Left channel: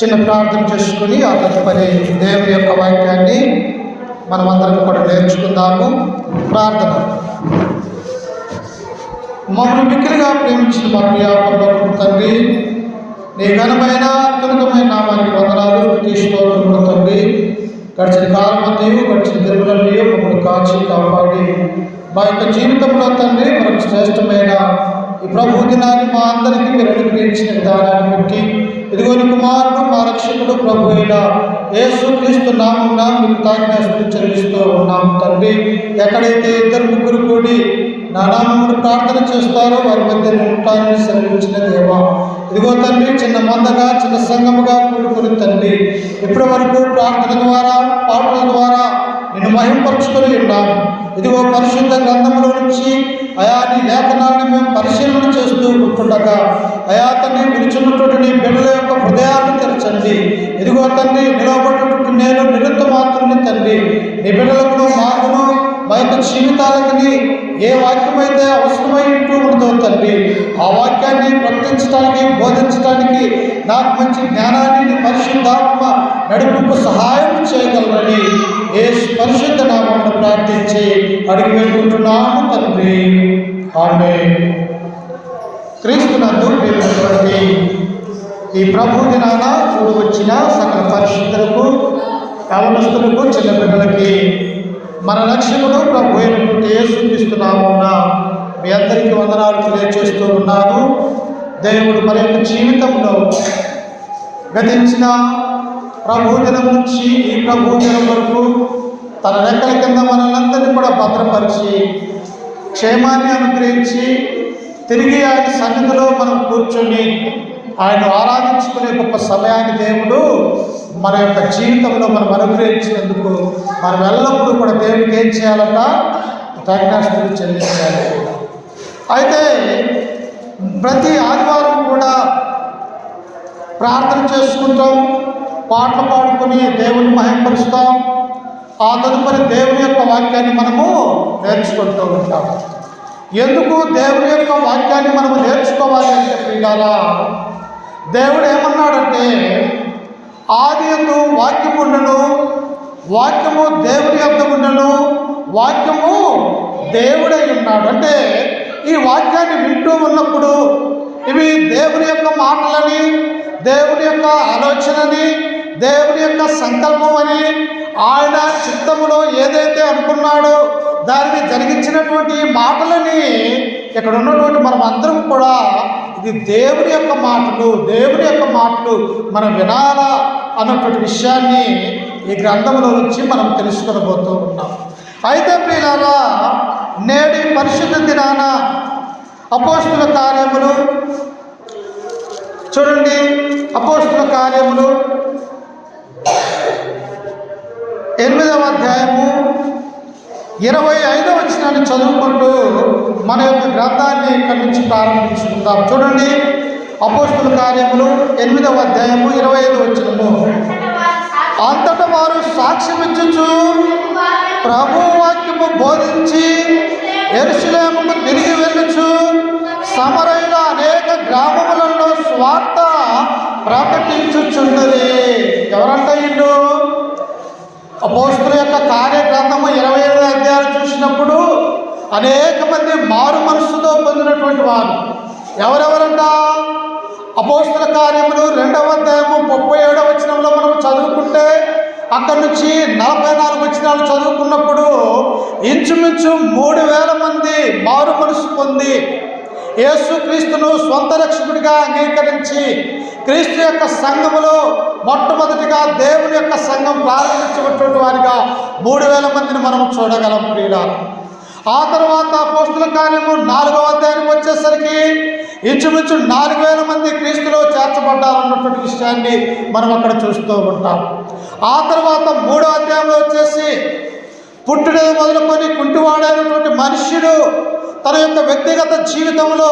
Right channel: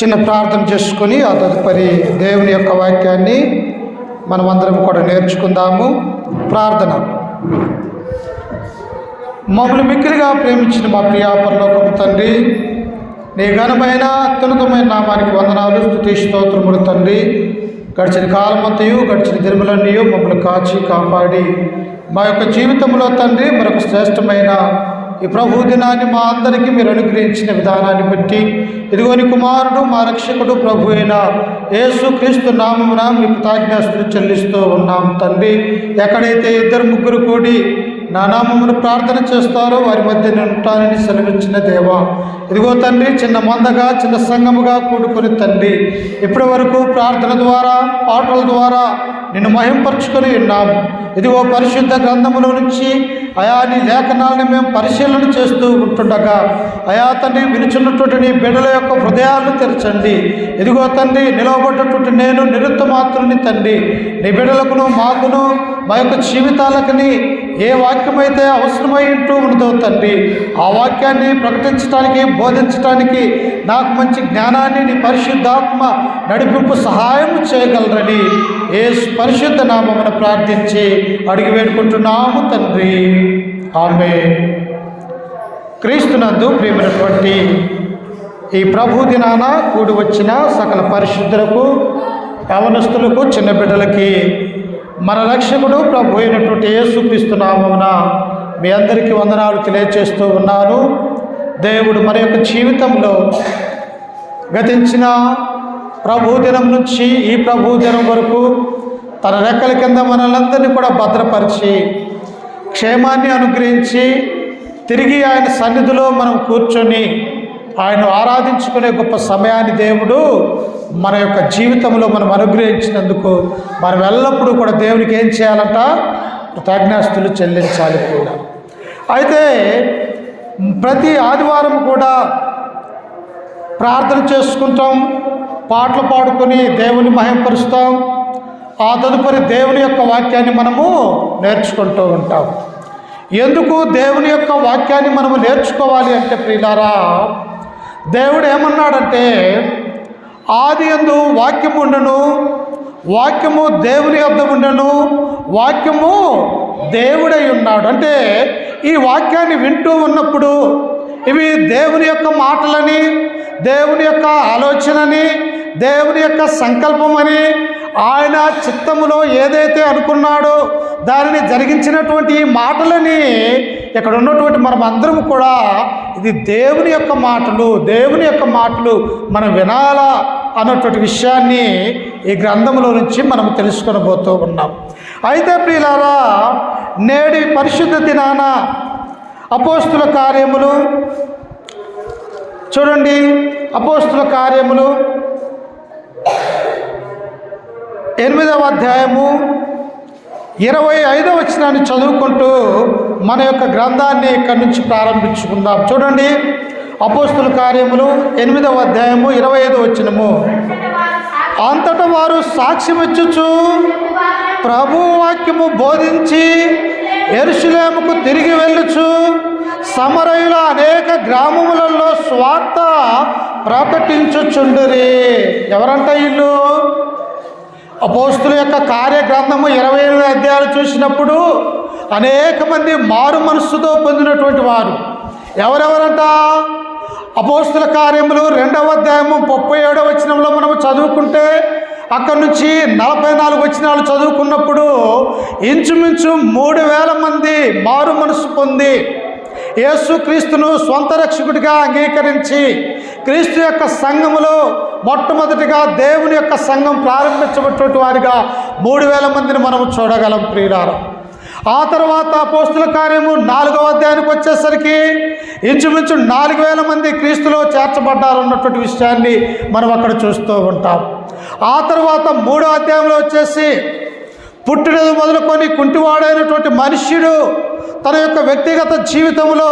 చిన్న ప్రార్థన చేసుకొని ఆ తదుపరి దేవుని యొక్క వాక్యాన్ని మనమందరం కూడా నేర్చుకుందాము. ప్రార్థన. మమ్మల్ని మిక్కిలిగా ప్రేమించిన మా ప్రియ పరలోకపు తండ్రి, నీ ఘనమైన అత్యున్నతమైన నామానికి వందనాలు, స్తుతి స్తోత్రములు తండ్రి. గడిచిన కాలమంతయు గడిచిన దినములన్నీ మమ్మల్ని కాచి కాపాడి మా యొక్క జీవితంలో తండ్రి మనకు శ్రేష్టమైన ఈ ప్రభు దినాన్ని మా అందరికీ మీరు అనుగ్రహించిన విధానాన్ని బట్టి ఇదిగోని కుమారుడు మా రక్షకుడు ప్రభు అయిన యేసుక్రీస్తు నామమున మీకు కృతజ్ఞతలు చెల్లిస్తూ ఉన్నాం తండ్రి. ఎక్కడైతే ఇద్దరు ముగ్గురు కూడి నా నామమును ప్రార్థన చేస్తారో వారి మధ్య నేను ఉంటానని సెలవించిన దేవా, ఇదిగో తండ్రి చిన్న మందగా చిన్న సంఘముగా కూడుకుని తండ్రి ఇప్పటి వరకు ప్రార్థన ద్వారా పాటల ద్వారా నిన్ను మహింపరుచుకొని ఉన్నాము. ఇదిగో పరిశుద్ధ గ్రంథములో నుంచి అయా నీ లేఖనాలను మేము పరిశీలన చేస్తూ ఉంటుండగా అయా తండ్రి వినుచున్నటువంటి నీ బిడ్డల యొక్క హృదయాలను తెరచండి. ఇదిగో తండ్రి నిలవబడినటువంటి నేను నిరుత్త మాత్రుని తండ్రి, నీ బిడ్డలకును మాకును మా యొక్క జీవితాలకుని ఏ వాక్యమైతే అవసరమై ఉంటూ ఉంటుందో తండ్రి ఆ వాక్యాన్ని ప్రకటించడానికి బోధించడానికి నాకు మంచి జ్ఞానాన్ని నీ పరిశుద్ధాత్మ నడిపింపు సహాయం చేయగలరని యేసు పరిశుద్ధ నామమును ప్రార్థించి అడిగి వేడుకుంటున్నాము తండ్రి. ఆమేన్. క్రీస్తునందు ప్రియమైనటువంటి ఈ ప్రభు దినాన కూడి వచ్చిన సకల పరిశుద్ధులకు, యవనస్తులకు, చిన్న బిడ్డలకి మన లక్ష్యమును ప్రభు అయినటువంటి యేసుక్రీస్తు నామమున మీ అందరికీ వందనాలు తెలియజేస్తూ ఉన్నాను. దేవుడు మన యొక్క జీవితంలో గతించిన ప్రభు దినం నుంచి ఈ ప్రభు దినం వరకు తన రెక్కల కింద మనల్ని కూడా భద్రపరిచి క్షేమాన్ని అనుగ్రహించి తిరిగి ఆయన సన్నిధిలో మనం కూర్చొని ఆయన ఆరాధించుకునే గొప్ప సమయాన్ని దేవుడు మన యొక్క జీవితంలో మనం అనుగ్రహించినందుకు మనం ఎల్లప్పుడూ కూడా దేవునికి ఏం చేయాలంట? కృతజ్ఞతలు చెల్లించాలి కూడా. అయితే ప్రతి ఆదివారం కూడా ప్రార్థన చేసుకుంటాం, పాటలు పాడుకొని దేవుని మహిమపరుస్తాం. ఆ తదుపరి దేవుని యొక్క వాక్యాన్ని మనము నేర్చుకుంటూ ఉంటాం. ఎందుకు దేవుని యొక్క వాక్యాన్ని మనము నేర్చుకోవాలి అంటే ప్రియులారా, దేవుడు ఏమన్నాడంటే ఆది యందు వాక్యము ఉండెను, వాక్యము దేవుని యొద్ద ఉండెను, వాక్యము దేవుడై ఉన్నాడు. అంటే ఈ వాక్యాన్ని వింటూ ఉన్నప్పుడు ఇవి దేవుని యొక్క మాటలని, దేవుని యొక్క ఆలోచనని, దేవుని యొక్క సంకల్పమని, ఆయన చిత్తములో ఏదైతే అనుకున్నాడో దానిని జరిగించినటువంటి మాటలని ఇక్కడ ఉన్నటువంటి మనం అందరం కూడా ఇది దేవుని యొక్క మాటలు, దేవుని యొక్క మాటలు మనం వినాలా అన్నటువంటి విషయాన్ని ఈ గ్రంథంలో నుంచి మనం తెలుసుకొనబోతూ ఉన్నాం. అయితే ప్రియులారా, నేడు పరిశుద్ధ దినాన అపోస్తుల కార్యములు చూడండి. అపోస్తుల కార్యములు 8వ అధ్యాయము 25వ వచనాన్ని చదువుకుంటూ మన యొక్క గ్రంథాన్ని ఇక్కడి నుంచి ప్రారంభించుకుందాం. చూడండి, అపోస్తుల కార్యములు 8వ అధ్యాయము 25వ వచనము. అంతటా వారు సాక్ష్యం ఇచ్చుచు ప్రభు వాక్యము బోధించి యెరూషలేముకు తిరిగి వెళ్ళుచు సమరయుల అనేక గ్రామములలో స్వార్థ ప్రకటించుచున్నది. ఎవరంట ఇల్లు? అపోస్తుల యొక్క కార్యగ్రంథము 28వ అధ్యాయాలు చూసినప్పుడు అనేక మంది మారు మనస్సుతో పొందినటువంటి వారు ఎవరెవరంట? అపోస్తుల కార్యములు 2వ అధ్యాయము 37వ వచనంలో మనం చదువుకుంటే అక్కడి నుంచి 44 వచనాలు చదువుకున్నప్పుడు ఇంచుమించు 3000 మంది మారు మనసు పొంది యేసుక్రీస్తును స్వంత రక్షకుడిగా అంగీకరించి క్రీస్తు యొక్క సంఘములో మొట్టమొదటిగా దేవుని యొక్క సంఘం ప్రారంభించబడినటువంటి వారిగా 3000 మందిని మనం చూడగలం ప్రియులారా. ఆ తర్వాత అపోస్తుల కార్యము 4వ అధ్యాయానికి వచ్చేసరికి ఇంచుమించు 4000 మంది క్రీస్తులో చేర్చబడ్డారన్నటువంటి విషయాన్ని మనం అక్కడ చూస్తూ ఉంటాం. ఆ తర్వాత 3వ అధ్యాయంలో వచ్చేసి పుట్టినది మొదలుకొని కుంటివాడైనటువంటి మనుష్యుడు తన యొక్క వ్యక్తిగత జీవితంలో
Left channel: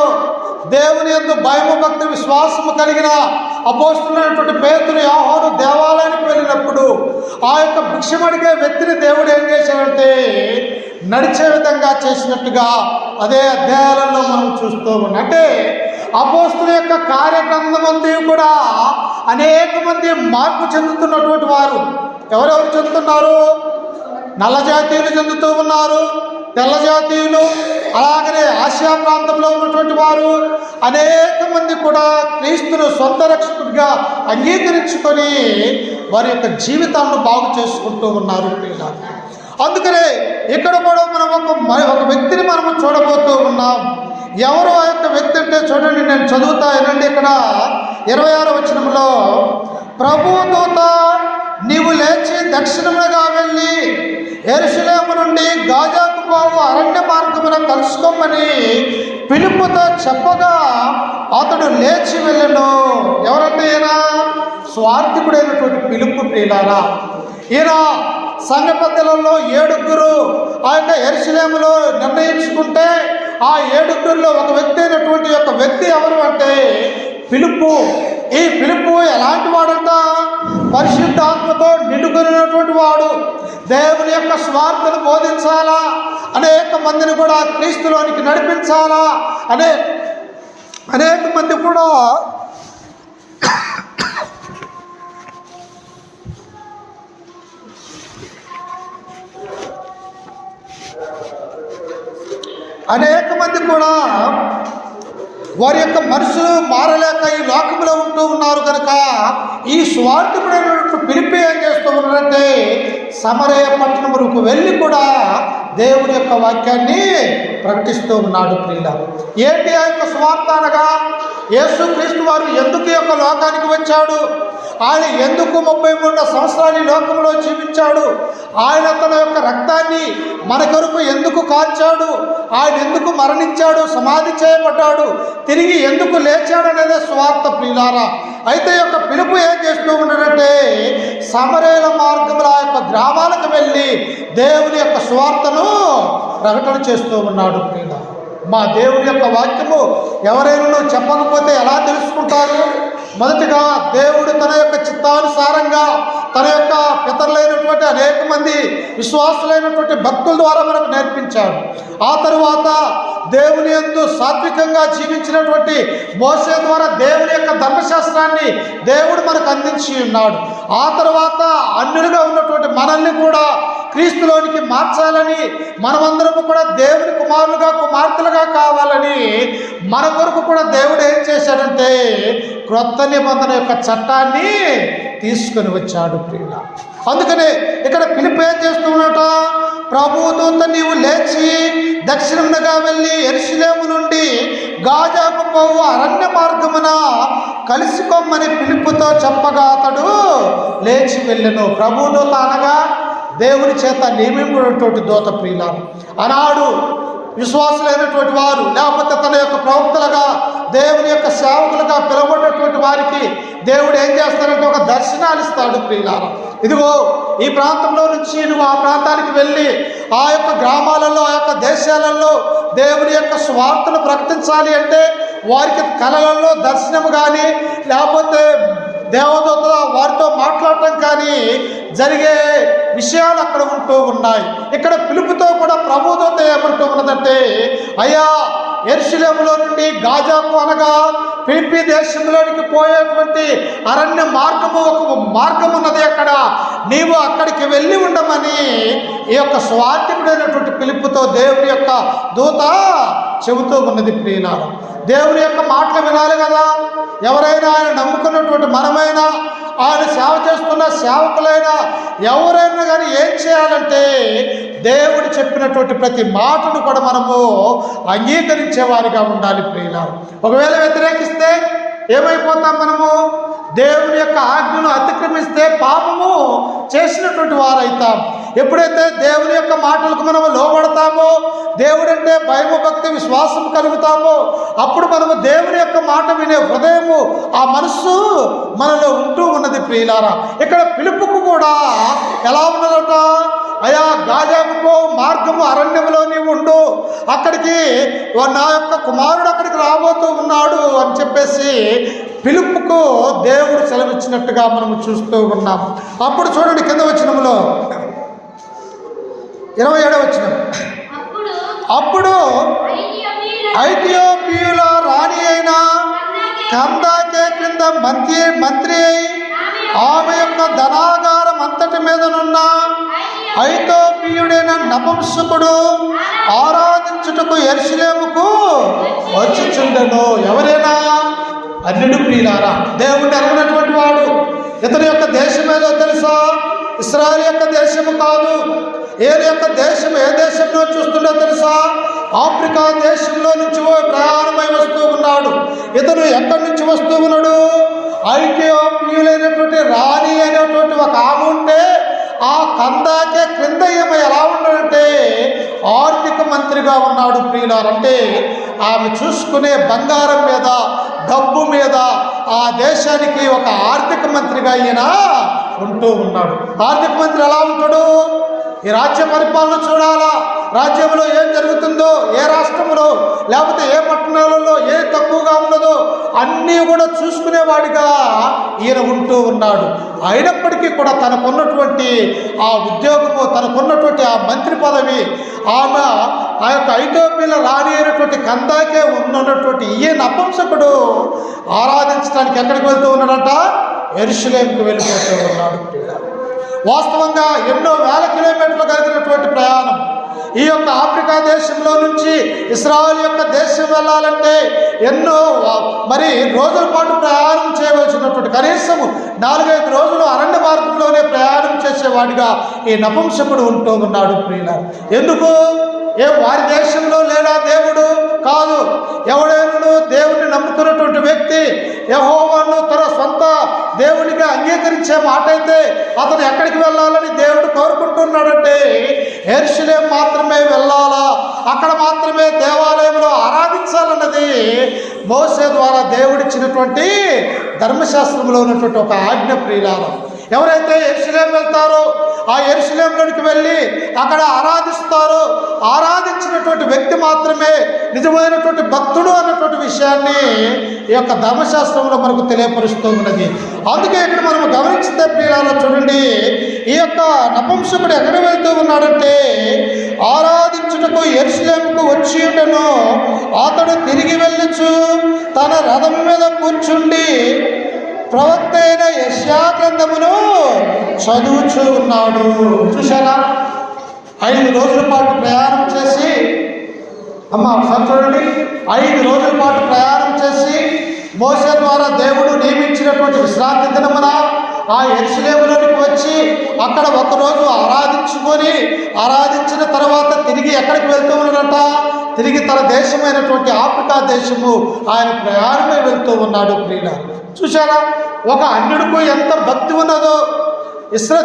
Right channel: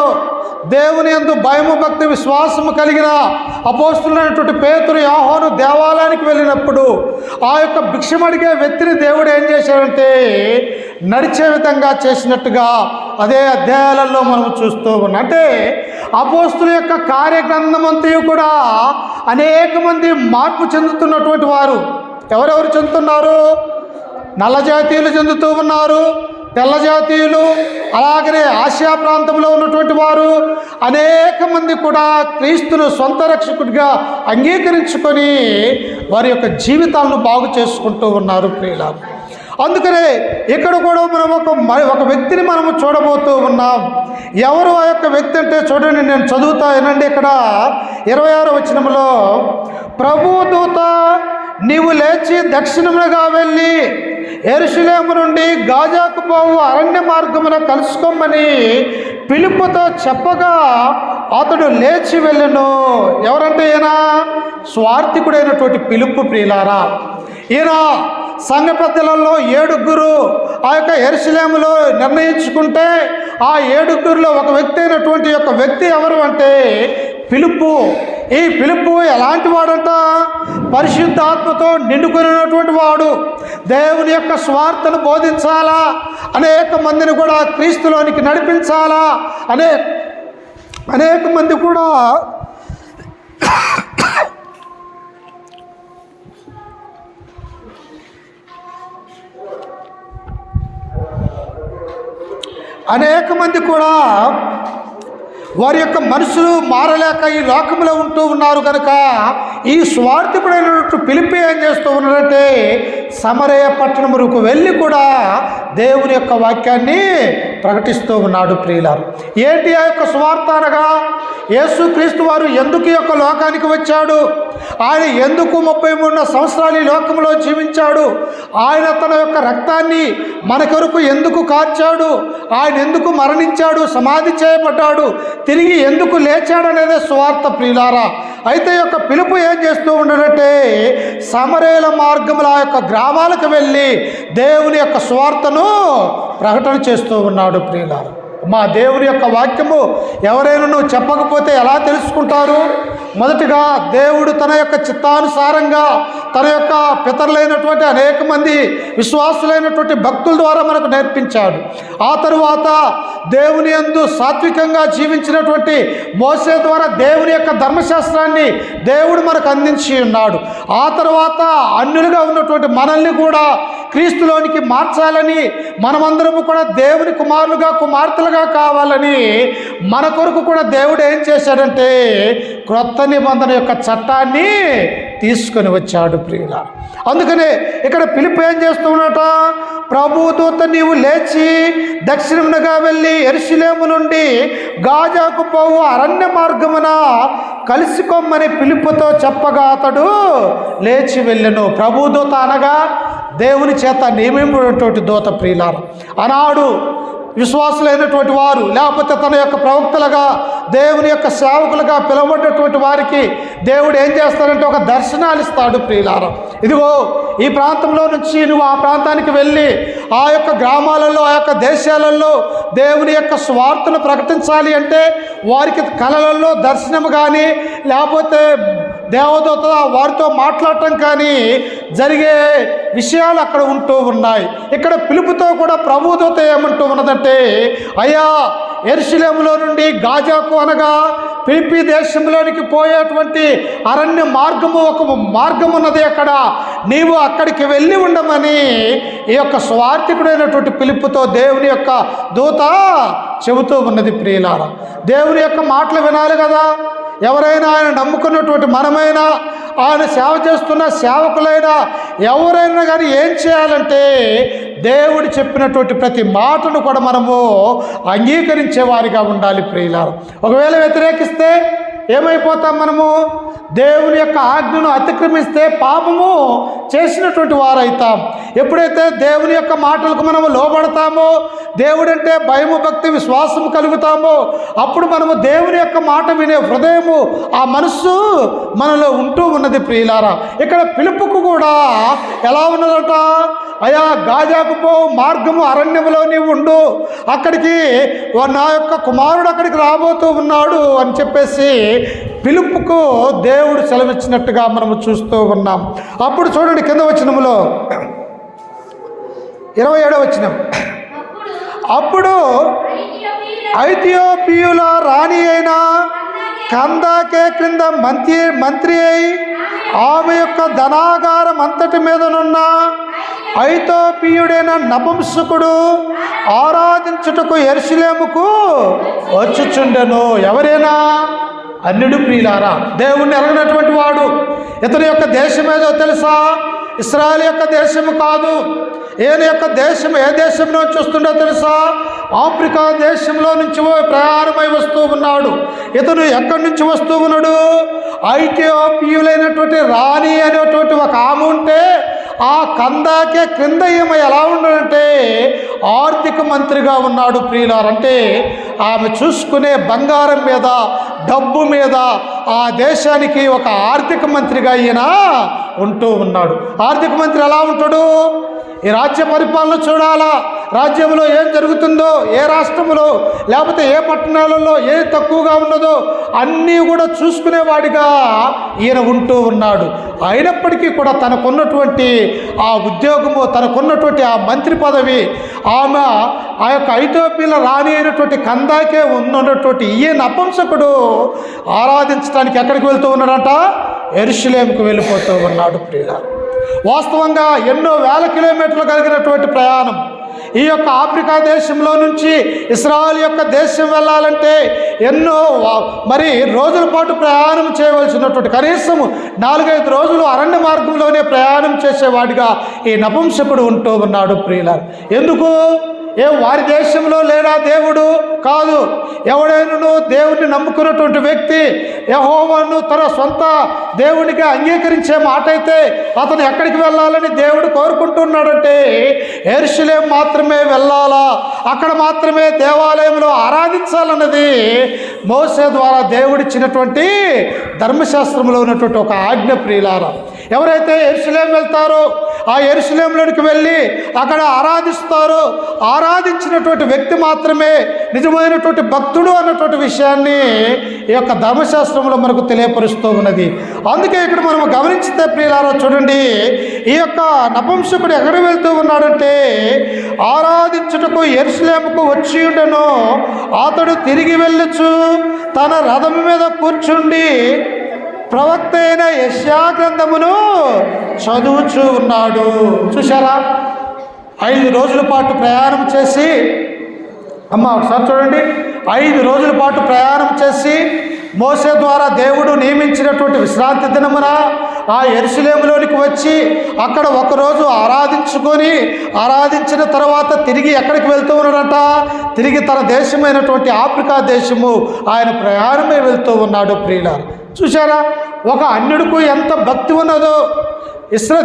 దేవుని యందు భయము భక్తి విశ్వాసము కలిగిన అపోస్తులైనటువంటి పేతురు, యోహాను దేవాలయానికి వెళ్ళినప్పుడు ఆ యొక్క భిక్షమడిగే వ్యక్తిని దేవుడు ఏం చేశాడంటే నడిచే విధంగా చేసినట్టుగా అదే అధ్యాయాలలో మనం చూస్తూ ఉన్నాం. అంటే అపోస్తుల యొక్క కార్యగ్రంథమంతయు కూడా అనేక మంది మార్పు చెందుతున్నటువంటి వారు. ఎవరెవరు చెందుతున్నారు? నల్ల జాతీయులు చెందుతూ ఉన్నారు, తెల్ల జాతీయులు, అలాగనే ఆసియా ప్రాంతంలో ఉన్నటువంటి వారు అనేక మంది కూడా క్రీస్తును సొంత రక్షకుడిగా అంగీకరించుకొని వారి యొక్క జీవితాలను బాగు చేసుకుంటూ ఉన్నారు ప్రియులారా. అందుకనే ఇక్కడ కూడా మనం ఒక వ్యక్తిని మనము చూడబోతూ ఉన్నాం. ఎవరు ఆ యొక్క వ్యక్తి అంటే చూడండి, నేను చదువుతా వినండి. ఇక్కడ 26వ వచనంలో, ప్రభువు దూత నీవు లేచి దక్షిణముగా వెళ్ళి యెరూషలేము నుండి గాజాకు పోవు అరణ్య మార్గమున కలుసుకోమని ఫిలిప్పుతో చెప్పగా అతడు లేచి వెళ్ళెను. ఎవరంటే ఈయన స్వార్థికుడైనటువంటి ఫిలిప్పు ప్రియులారా. ఈయన సంఘ పెద్దలలో 7 ఆ యొక్క యెరూషలేములో నిర్ణయించుకుంటే ఆ 7 ఒక వ్యక్తి అయినటువంటి యొక్క వ్యక్తి ఎవరు అంటే ఫిలిప్పు. ఈ ఫిలిప్పు ఎలాంటి వాడంట? పరిశుద్ధాత్మతో నిండుకున్నటువంటి వాడు. దేవుని యొక్క స్వార్థను బోధించాలా, అనేక మందిని కూడా క్రీస్తులోనికి నడిపించాలా, అనేక మంది కూడా వారి యొక్క మనసులు మారలేక ఈ లోకంలో ఉంటూ ఉన్నారు కనుక ఈ స్వార్థపడినట్టు ఫిలిప్పి ఏం చేస్తూ ఉన్నారంటే సమరయ పట్టణములకు వెళ్ళి కూడా దేవుని యొక్క వాక్యాన్ని ప్రకటిస్తూ ఉన్నాడు ప్రియులారు. ఏంటి ఆ యొక్క స్వార్థ అనగా, యేసుక్రీస్తు వారు ఎందుకు ఈ యొక్క లోకానికి వచ్చాడు, ఆయన ఎందుకు 33 సంవత్సరాలు ఈ లోకంలో జీవించాడు, ఆయన తన యొక్క రక్తాన్ని మన కొరకు ఎందుకు కార్చాడు, ఆయన ఎందుకు మరణించాడు, సమాధి చేయబడ్డాడు, తిరిగి ఎందుకు లేచాడు అనేది స్వార్థ ప్రియులారా. అయితే ఈ యొక్క పిలుపు ఏం చేస్తూ ఉన్నాడంటే సమరయుల మార్గముల ఆ యొక్క గ్రామాలకు వెళ్ళి దేవుని యొక్క స్వార్థను ప్రకటన చేస్తూ ఉన్నాడు ప్రియులారా. మా దేవుని యొక్క వాక్యము ఎవరైనా చెప్పకపోతే ఎలా తెలుసుకుంటారు? మొదటిగా దేవుడు తన యొక్క చిత్తానుసారంగా తన యొక్క పితరులైనటువంటి అనేక మంది విశ్వాసులైనటువంటి భక్తుల ద్వారా మనకు నేర్పించాడు. ఆ తరువాత దేవుని యందు సాత్వికంగా జీవించినటువంటి మోసే ద్వారా దేవుని యొక్క ధర్మశాస్త్రాన్ని దేవుడు మనకు అందించి ఉన్నాడు. ఆ తర్వాత అన్యులుగా ఉన్నటువంటి మనల్ని కూడా క్రీస్తులోనికి మార్చాలని, మనమందరము కూడా దేవుని కుమారులుగా కుమార్తెలుగా కావాలని మన కొరకు కూడా దేవుడు ఏం చేశాడంటే క్రొత్త నిబంధన యొక్క చట్టాన్ని తీసుకొని వచ్చాడు ప్రియుల. అందుకనే ఇక్కడ ఫిలిప్పు ఏం చేస్తున్నట, ప్రభుదూత నీవు లేచి దక్షిణమునగా వెళ్ళి యెరూషలేము నుండి గాజాకు పోవు అరణ్య మార్గమున కలుసుకోమని ఫిలిప్పుతో చెప్పగా అతడు లేచి వెళ్ళెను. ప్రభుదూత అనగా దేవుని చేత నియమించినటువంటి దూత ప్రియులారు. ఆనాడు విశ్వాసులైనటువంటి వారు లేకపోతే తన యొక్క ప్రవక్తలుగా దేవుని యొక్క సేవకులుగా పిలువబడినటువంటి వారికి దేవుడు ఏం చేస్తారంటే ఒక దర్శనాలు ఇస్తాడు ప్రియులారా. ఇదిగో ఈ ప్రాంతంలో నుంచి నువ్వు ఆ ప్రాంతానికి వెళ్ళి ఆ యొక్క గ్రామాలలో ఆ యొక్క దేశాలలో దేవుని యొక్క స్వార్థను ప్రకటించాలి అంటే వారికి కళలలో దర్శనము కానీ లేకపోతే దేవదూత వారితో మాట్లాడటం కానీ జరిగే విషయాలు అక్కడ ఉంటూ ఉన్నాయి. ఇక్కడ పిలుపుతో కూడా ప్రభుదూత ఏమంటూ ఉన్నదంటే, అయ్యా యెరూషలేములో నుండి గాజాకు అనగా ఫిలిప్పీ దేశంలోనికి పోయేటువంటి అరణ్య మార్గము ఒక మార్గం ఉన్నది, అక్కడ నీవు అక్కడికి వెళ్ళి ఉండమని ఈ యొక్క స్వార్థకుడైనటువంటి పిలుపుతో దేవుని యొక్క దూత చెబుతూ ఉన్నది ప్రియులారా. దేవుని యొక్క మాటలు వినాలి కదా. ఎవరైనా ఆయన నమ్ముకున్నటువంటి మనమైనా ఆయన సేవ చేస్తున్న సేవకులైనా ఎవరైనా కానీ ఏం చేయాలంటే దేవుడు చెప్పినటువంటి ప్రతి మాటను కూడా మనము అంగీకరించేవారిగా ఉండాలి ప్రియులారా. ఒకవేళ వ్యతిరేకిస్తే ఏమైపోతాం? మనము దేవుని యొక్క ఆజ్ఞను అతిక్రమిస్తే పాపము చేసినటువంటి వారైతాం. ఎప్పుడైతే దేవుని యొక్క మాటలకు మనము లోబడతామో, దేవుడంటే భయము భక్తి విశ్వాసము కలుగుతామో, అప్పుడు మనము దేవుని యొక్క మాట వినే హృదయము ఆ మనస్సు మనలో ఉంటూ ఉన్నది ప్రియులారా. ఇక్కడ పిలుపుకు కూడా ఎలా ఉన్నదట, అయా గాజాకు పో మార్గము అరణ్యములో నీవు ఉండు, అక్కడికి నా యొక్క కుమారుడు అక్కడికి రాబోతూ ఉన్నాడు అని చెప్పేసి పిలుపుకు దేవుడు సెలవిచ్చినట్టుగా మనము చూస్తూ ఉన్నాం. అప్పుడు చూడండి కింద వచనములో 27వ వచనం, అప్పుడు ఐథియోపియుల రాణి అయిన కందాకే కందాకే క్రింద మంత్రి అయి ఆమె యొక్క ధనాగారం అంతటి మీదనున్న ఐతోపియుడైన నపుంసకుడు ఆరాధించుటకు యెరూషలేముకు వచ్చుచుండెను. ఎవరైనా అన్యుడు ప్రియులారా, దేవుణ్ణి ఎరగనటువంటి వాడు. ఇతని యొక్క దేశం ఏదో తెలుసా? ఇశ్రాయేలు యొక్క దేశము కాదు. ఈయన యొక్క దేశం ఏ దేశంలో చూస్తుండో తెలుసా? ఆఫ్రికా దేశంలో నుంచి ప్రయాణమై వస్తూ ఉన్నాడు. ఇతను ఎక్కడి నుంచి వస్తూ ఉన్నాడు? ఐథియోపియులైనటువంటి రాణి అనేటువంటి ఒక ఆమె ఉంటే ఆ కందాకే క్రింద ఈమె ఎలా ఉన్నాడంటే ఆర్థిక మంత్రిగా ఉన్నాడు ప్రియులారు. అంటే ఆమె చూసుకునే బంగారం మీద, డబ్బు మీద ఆ దేశానికి ఒక ఆర్థిక మంత్రిగా ఈయన ఉంటూ ఉన్నాడు. ఆర్థిక మంత్రి ఎలా ఉంటాడు? ఈ రాజ్య పరిపాలన చూడాలా, రాజ్యంలో ఏం జరుగుతుందో, ఏ రాష్ట్రంలో లేకపోతే ఏ పట్టణాలలో ఏ తక్కువగా ఉన్నదో అన్నీ కూడా చూసుకునేవాడిగా ఈయన ఉంటూ ఉన్నాడు. అయినప్పటికీ కూడా తనకున్నటువంటి ఆ ఉద్యోగము, తనకున్నటువంటి ఆ మంత్రి పదవి, ఆమె ఆ యొక్క ఐథియోపియల రాణి అయినటువంటి కందాకే ఉన్నటువంటి ఈ నపుంసకుడు ఆరాధించడానికి ఎక్కడికి వెళ్తూ ఉన్నాడంట? యెరూషలేముకు వెళ్ళిపోతూ ఉన్నాడు ప్రియులారా. వాస్తవంగా ఎన్నో వేల కిలోమీటర్లు కలిగినటువంటి ప్రయాణం. ఈ యొక్క ఆఫ్రికా దేశంలో నుంచి ఇశ్రాయేలు యొక్క దేశం వెళ్ళాలంటే ఎన్నో రోజుల పాటు ప్రయాణం చేయవలసినటువంటి, కనీసం 4-5 రోజులు అరణ్య మార్గంలోనే ప్రయాణం చేసేవాడిగా ఈ నపుంసకుడు ఉంటూ ఉన్నాడు ప్రియులారా. ఎందుకు? వారి దేశంలో లేడా దేవుడు? కాదు. ఎవడైనా దేవుడిని నమ్ముకున్నటువంటి వ్యక్తి యెహోవాను తన సొంత దేవునిగా అంగీకరించే మాట అయితే అతను ఎక్కడికి వెళ్ళాలని దేవుడు కోరుకుంటున్నాడంటే యెరూషలేము మాత్రమే వెళ్ళాలా, అక్కడ మాత్రమే దేవాలయంలో ఆరాధించాలన్నది మోసే ద్వారా దేవుడిచ్చినటువంటి ధర్మశాస్త్రంలో ఉన్నటువంటి ఒక ఆజ్ఞ ప్రియులారా. ఎవరైతే యెరూషలేము వెళ్తారో ఆ యెరూషలేములోనికి వెళ్ళి అక్కడ ఆరాధిస్తారో, ఆరాధించినటువంటి వ్యక్తి మాత్రమే నిజమైనటువంటి భక్తుడు అన్నటువంటి విషయాన్ని ఈ యొక్క ధర్మశాస్త్రంలో మనకు తెలియపరుస్తూ ఉన్నది. అందుకే ఇక్కడ మనం గమనించితే ప్రియులారా చూడండి, ఈ యొక్క నపుంసకుడు ఎక్కడ వెళ్తూ ఉన్నాడంటే ఆరాధించుటకు యెరూషలేముకు వచ్చి ఉండెను. అతడు తిరిగి వెళ్ళుచు తన రథం మీద కూర్చుండి ప్రవక్త అయిన యెషయా గ్రంథమును చదువుచూ ఉన్నాడు. చూసారా? 5 రోజుల పాటు ప్రయాణం చేసి, ఒకసారి చూడండి, 5 రోజుల పాటు ప్రయాణం చేసి మోసే ద్వారా దేవుడు నియమించినటువంటి విశ్రాంతి దినమున ఆ యెరూషలేములోనికి వచ్చి అక్కడ ఒకరోజు ఆరాధించిన తర్వాత తిరిగి ఎక్కడికి వెళ్తూ ఉన్నాడంట? తిరిగి తన దేశమైనటువంటి ఆఫ్రికా దేశము ఆయన ప్రయాణమే వెళ్తూ ఉన్నాడు ప్రియులారా. చూశారా? ఒక అన్యుడికి ఎంత భక్తి ఉన్నదో,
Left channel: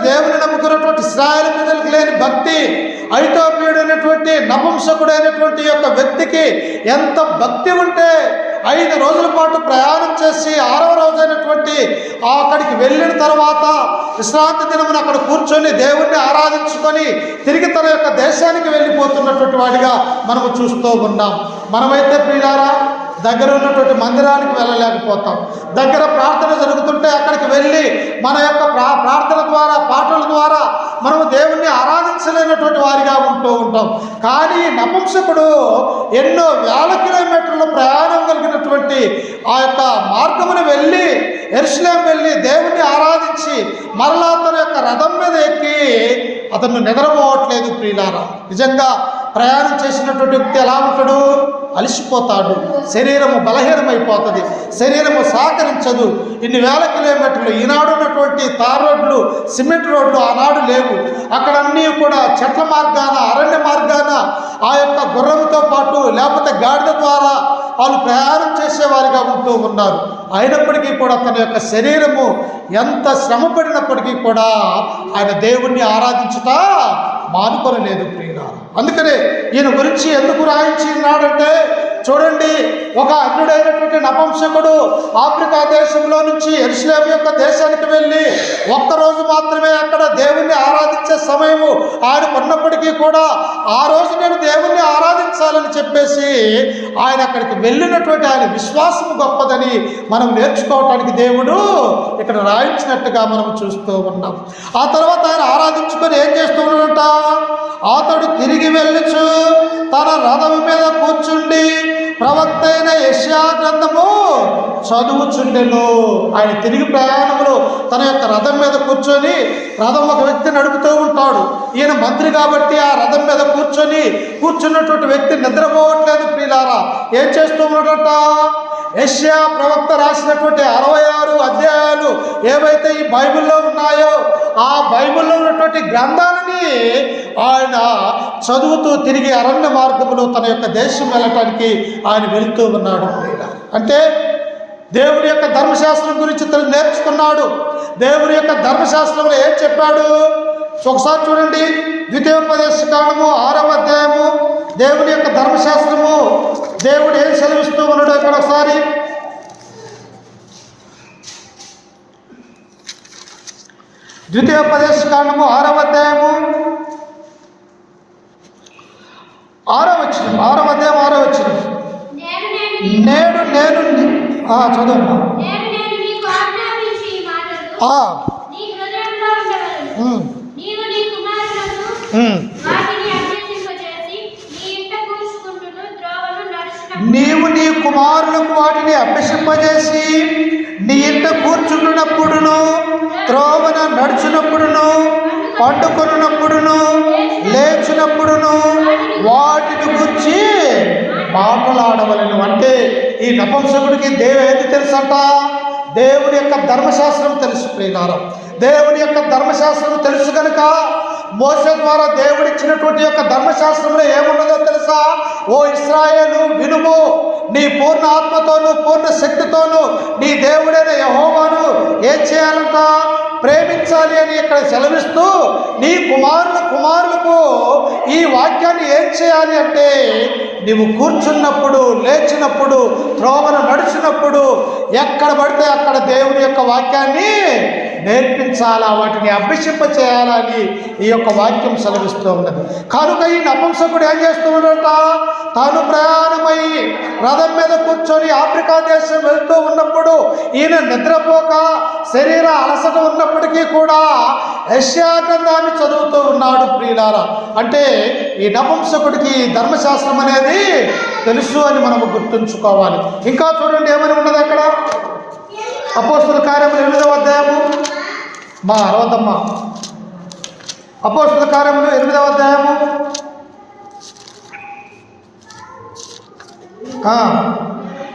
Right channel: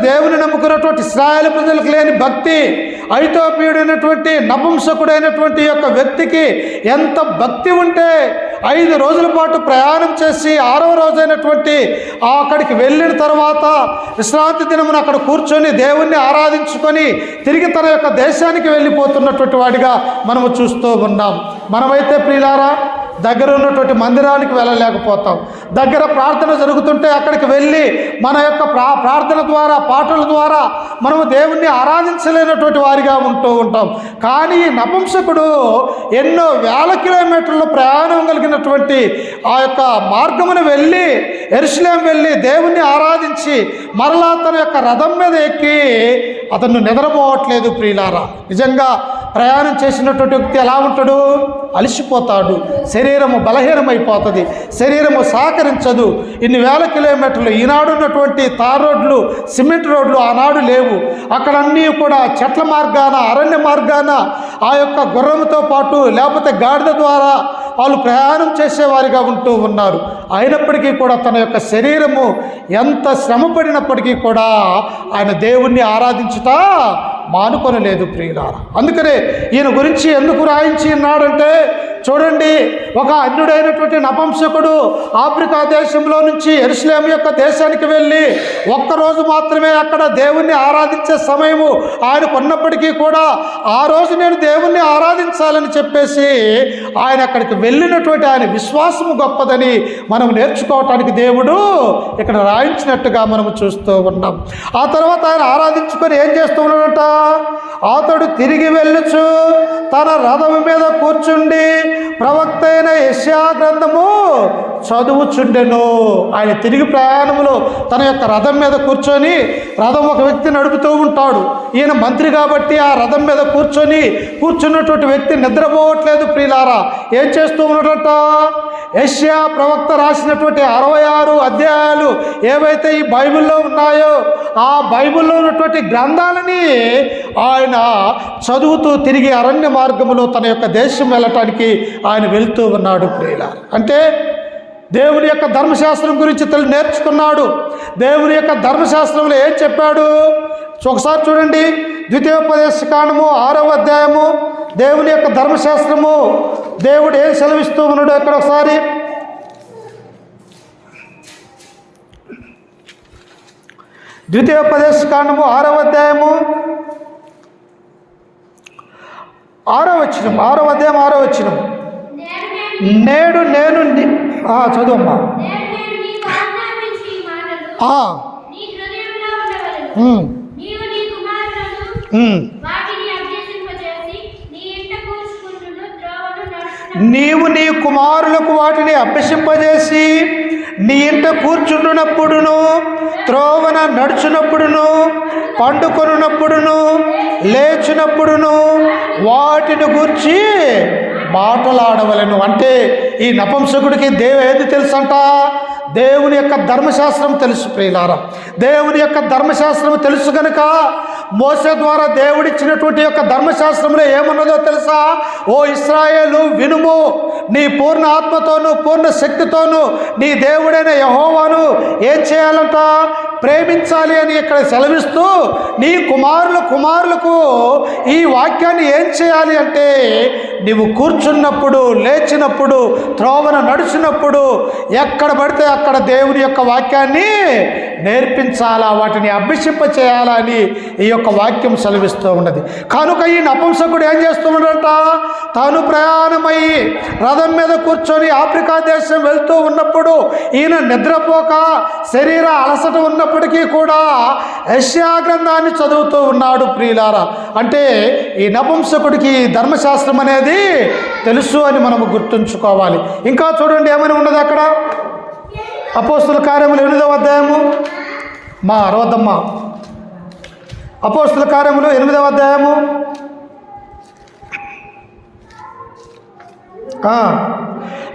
దేవుని నమ్ముకున్నటువంటి ఇశ్రాయేలు ప్రజలకు లేని భక్తి ఐథియోపియుడైనటువంటి నపుంసకుడైనటువంటి యొక్క వ్యక్తికి ఎంత భక్తి ఉంటే 5 రోజుల పాటు ప్రయాణం చేసి 6వ రోజైనటువంటి అక్కడికి వెళ్ళిన తర్వాత విశ్రాంతి దినమున అక్కడ కూర్చొని దేవుణ్ణి ఆరాధించుకొని తిరిగి తన యొక్క దేశానికి వెళ్ళిపోతున్నటువంటి వాడిగా మనము చూస్తూ ఉన్నాం. మనమైతే ప్రియులారా దగ్గర ఉన్నటువంటి మందిరానికి వెళ్ళలేకపోతాం. దగ్గర ప్రార్థన జరుగుతుంటే అక్కడికి వెళ్ళి మన యొక్క ప్రార్థన ద్వారా, పాటల ద్వారా మనము దేవుణ్ణి ఆరాధించలేనటువంటి వారిగా ఉంటూ ఉంటాం. కానీ నపుంసకుడు ఎన్నో వేల కిలోమీటర్ల ప్రయాణం కలిగినటువంటి ఆ యొక్క మార్గమును వెళ్ళి యెరూషలేము వెళ్ళి దేవుణ్ణి ఆరాధించి మరలా తన యొక్క రథం మీద ఎక్కి అతను నిద్రపోవట్లేదు ప్రియులారా. నిజంగా ప్రయాణం చేసినటువంటి వ్యక్తి ఎలా ఉంటాడు? అలసిపోతాడు, శరీరము బలహీనమైపోతుంది, శరీరము సహకరించదు. ఇన్ని వేల కిలోమీటర్లు, ఈనాడు ఉన్నటువంటి తార్ రోడ్లు, సిమెంట్ రోడ్లు ఆనాడు లేవు. అక్కడ అన్నీ కూడా చెట్ల మార్గాన, అరణ్య మార్గాన ఆ యొక్క గుర్రంతో పాటు లేకపోతే గాడిద ద్వారా వాళ్ళు ప్రయాణం చేసేవారిగా ఉంటూ ఉన్నారు. అయినప్పటికీ కూడా తన యొక్క శరీరము ఎంత శ్రమ పడినప్పటికీ కూడా ఆయన దేవుణ్ణి ఆరాధించుతా మానుకొనలేదు ప్రియులారా. అందుకనే ఈయన గురించి ఎందుకు రాయించి ఉన్నాడంటే చూడండి, ఒక అన్యుడైనటువంటి నపుంసకుడు ఆఫ్రికా దేశంలో నుంచి యెరూషలేము యొక్క దేశానికి వెళ్ళి ఒక్కరోజు మాత్రమే అక్కడ దేవుణ్ణి ఆరాధించే సమయము ఆయనకు ఉన్నప్పటికీ కూడా ఆ రోజు నేను దేవుణ్ణి ఆరాధించాలని చెప్పేసి ఆయన అక్కడికి వెళ్ళినటువంటి ఆయన విశ్వాసము గొప్పదని మనం నేర్చుకోవటానికి దేవుడు ఇక్కడ రాయించినట్టుగా మనం చూస్తూ ఉన్నాం. ఆ తర్వాత ఆయన ఆరాధించుకొని ఏం చేస్తున్నాడంట? అతడు తిరిగి వెళ్ళుచు తన రథం మీద కూర్చుండి ప్రవక్త అయిన యెషయా గ్రంథము చదువుచుండెను. ఆయన తిరిగి ప్రయాణంలో తన యొక్క రథం మీద కూర్చొని, రథం ఒక వ్యక్తి నడుపుతూ ఉంటాడు, ఈయన మంత్రి కాబట్టి ఆ రథం మీద కూర్చున్నటువంటి వ్యక్తి నిద్రపోవట్లేదు ప్రియులారా. ఏం చేస్తూ ఉన్నాడట? యెషయా ప్రవక్త రాసినటువంటి 66 అధ్యాయాలు ఏవైతే ఈ బైబిల్లో ఉన్నాయో ఆ బైబిల్లో ఉన్నటువంటి గ్రంథాలని ఆయన చదువుతూ తిరిగి అరణ్య మార్గంలో తన యొక్క దేశం వెళ్ళటానికి ఆయన వెళ్తూ ఉన్నాడు ప్రియులారా. అంటే దేవుని యొక్క ధర్మశాస్త్రం గురించి నేర్చుకున్నాడు. దేవుని యొక్క ధర్మశాస్త్రంలో ఏం చెప్పాడు ఒకసారి చూడండి. ద్వితీయోపదేశకాండము 6వ అధ్యాయము దేవుని యొక్క ధర్మశాస్త్రము దేవుడు ఏం సెలవిస్తూ ఉన్నాడు అక్కడ ఒకసారి. ద్వితీయోపదేశకాండము 6వ అధ్యాయము 6వ వచనం, 6వ అధ్యాయం 6వ వచనం. నేడు నేను చదవమ్మా. నీవు నీ కుమారులకు వాటిని అభ్యసింపజేసి నీ ఇంట కూర్చుంటున్నప్పుడును, త్రోవన నడుచున్నప్పుడును, పండుకొనున్నప్పుడును, లేచినప్పుడును వాటిని గురించి మాట్లాడవలను. అంటే ఈ నపుంసకుడికి ఏది తెలుసంట? దేవుని యొక్క ధర్మశాస్త్రం తెలుసు ప్రియులారా. దేవుని యొక్క ధర్మశాస్త్రం తెలుసు కనుక మోసే ద్వారా దేవుడిచ్చినటువంటి యొక్క ధర్మశాస్త్రంలో ఏమున్నదో తెలుసా? ఓ ఇశ్రాయేలు వినుము, నీ పూర్ణ ఆత్మతోనూ పూర్ణ శక్తితోనూ నీ దేవుడైన యెహోవాను ఏం చేయాలంట? ప్రేమించాలి అని ఇక్కడ సెలవిస్తూ నీ కుమారులకు ఈ వాక్యాన్ని ఏం చేయాలి అంటే, నీవు కూర్చున్నప్పుడు, లేచినప్పుడు, త్రోవను నడిచినప్పుడు ఎక్కడ పడితే అక్కడ దేవుని యొక్క వాక్యాన్ని నేర్పించాలా, వాటిని అభ్యసింప చేయాలా అని ఈ యొక్క వాక్యం సెలవిస్తూ ఉన్నది. కనుక ఈ నపుంసకుడు ఏం చేస్తూ ఉన్నాడట? తాను ప్రయాణమై రథం మీద కూర్చొని ఆఫ్రికా దేశం వెళ్తూ ఉన్నప్పుడు ఈయన నిద్రపోక శరీర అలసట ఉన్నప్పటికీ కూడా యెషయా గ్రంథాన్ని చదువుతూ ఉన్నాడు ప్రియులారా. అంటే ఈ నపుంసకుడికి ధర్మశాస్త్రం అనేది తెలుసు అని మనము గుర్తుంచుకోవాలి. ఇంకా చూడండి ఏమని ఉన్నది అక్కడ. అపోస్తుల కార్యములు 8వ అధ్యాయము అపోస్తుల కార్యములు 8వ అధ్యాయము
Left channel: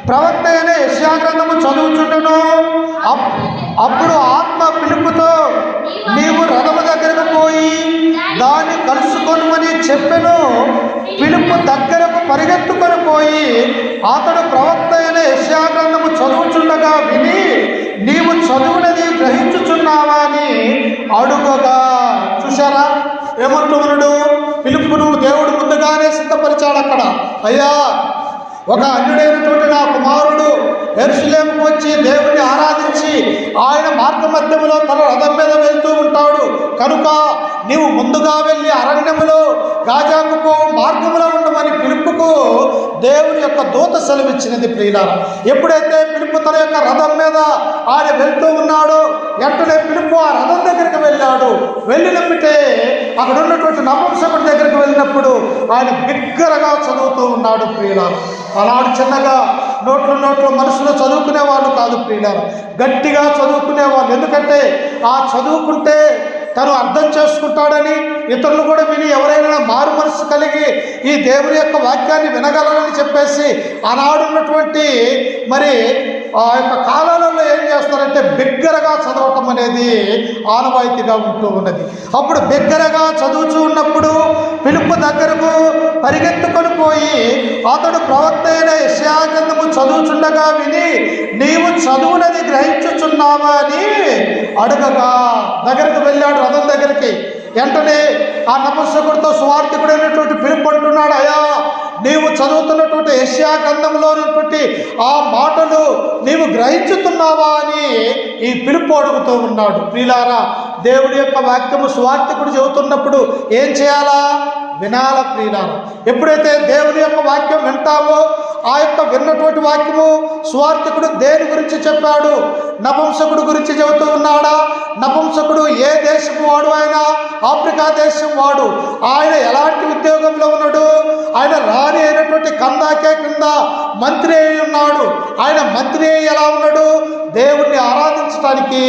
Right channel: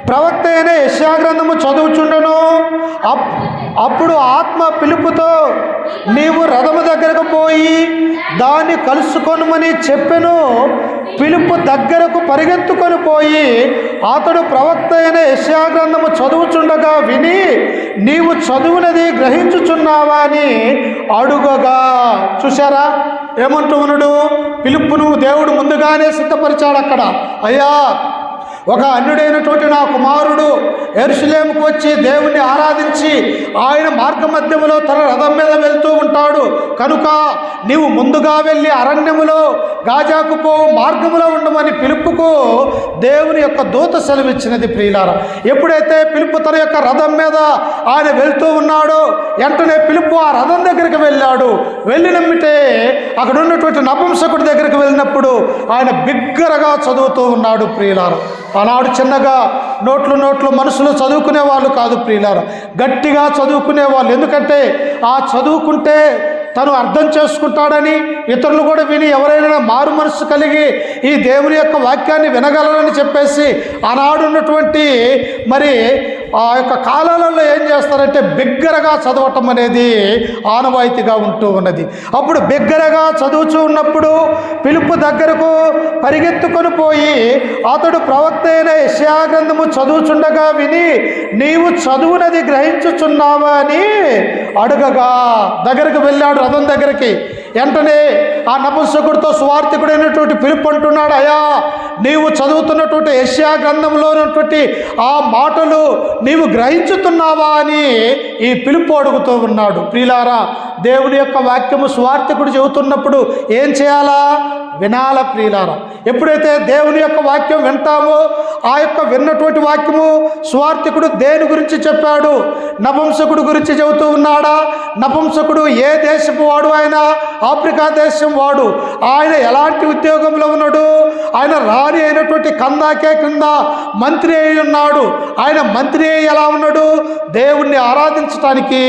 ప్రవక్త అయిన యెషయా గ్రంథము చదువుచుండెను. అప్పుడు ఆత్మ పిలుపుతో నీవు రథము దగ్గరకు పోయి దాన్ని కలుసుకొనుమని చెప్పెను. పిలుపు దగ్గరకు పరిగెత్తుకొని పోయి అతడు ప్రవక్త అయిన యెషయా గ్రంథము చదువుచుండగా విని, నీవు చదువునది గ్రహించుచున్నావా అని అడుగగా. చూశారా ఏమంటున్నాడు? పిలుపును దేవుడు ముందుగానే సిద్ధపరిచాడు అక్కడ. అయ్యా, ఒక అన్యుడైనటువంటి నా కుమారుడు యెరూషలేముకు వచ్చి దేవుణ్ణి ఆరాధించి ఆయన మార్గ మధ్యములో తన రథం మీద వెళ్తూ ఉంటాడు కనుక నీవు ముందుగా వెళ్ళి అరణ్యములో గాజాకు పోవు మార్గములో ఉండమని పిలుపుకు దేవుని యొక్క దూత సెలవిచ్చినది ప్రియులారా. ఎప్పుడైతే పిలుపు తన యొక్క రథం మీద ఆయన వెళ్తూ ఉన్నాడో వెంటనే పిలుపు ఆ రథం దగ్గరికి వెళ్ళాడు. వెళ్ళినమ్మితే అక్కడ ఉన్నటువంటి నపుంసకుడి దగ్గరికి వెళ్ళినప్పుడు ఆయన బిగ్గరగా చదువుతూ ఉన్నాడు ప్రియులారా. అలాడు చిన్నగా నోట్లు మనుషులు చదువుకునే వాళ్ళు కాదు ప్రియులారా, గట్టిగా చదువుకునే వాళ్ళు. ఎందుకంటే ఆ చదువుకుంటే తను అర్థం చేసుకుంటాడని, ఇతరులు కూడా విని ఎవరైనా మారు మనసు కలిగి ఈ దేవుని యొక్క వాక్యాన్ని వినగలరని చెప్పేసి ఆనాడున్నటువంటి మరి ఆ యొక్క కాలాలలో ఏం చేస్తారంటే బిగ్గరగా చదవటం అనేది ఆనవాయితీగా ఉంటూ ఉన్నది. అప్పుడు బిగ్గరగా చదువుతూ ఉన్నప్పుడు పిలుపు దగ్గరకు పరిగెత్తుకొని పోయి అతడు ప్రవక్త అయిన యెషయా గ్రంథము చదువుచుండగా విని, నీవు చదువునది గ్రహించుచున్నావా అని అడగగా దగ్గరకు వెళ్ళాడు రథం దగ్గరికి. వెంటనే ఆ నపుంసకుడితో సువార్తికుడైనటువంటి పిలుపు అంటున్నాడు, అయ్యా, నీవు చదువుతున్నటువంటి యెషయా గ్రంథంలో ఉన్నటువంటి ఆ మాటలు నీవు గ్రహించుతున్నావా అని ఈ పిలుపు అడుగుతూ ఉన్నాడు. ప్రియులారా, దేవుడి యొక్క వాక్యము సువార్తికుడు చెబుతున్నప్పుడు ఏం చేయాలా? వినాల ప్రియులారా. ఎప్పుడైతే దేవుని యొక్క వాక్యం వింటావో ఆ యొక్క విన్నటువంటి వాక్యము సువార్తికుడు దేని గురించి చెప్పాడు? నపుంసకుడు గురించి చెబుతూ ఉన్నాడా? నపుంసకుడు ఏ దేశపు వాడు? ఆయన ఆఫ్రికా దేశం వాడు. ఆయన ఎలాంటి ఉద్యోగంలో ఉన్నాడు? ఆయన రాణి అయినటువంటి కందాకే కింద మంత్రి అయి ఉన్నాడు. ఆయన మంత్రి అయి ఎలా ఉన్నాడు? దేవుణ్ణి ఆరాధించడానికి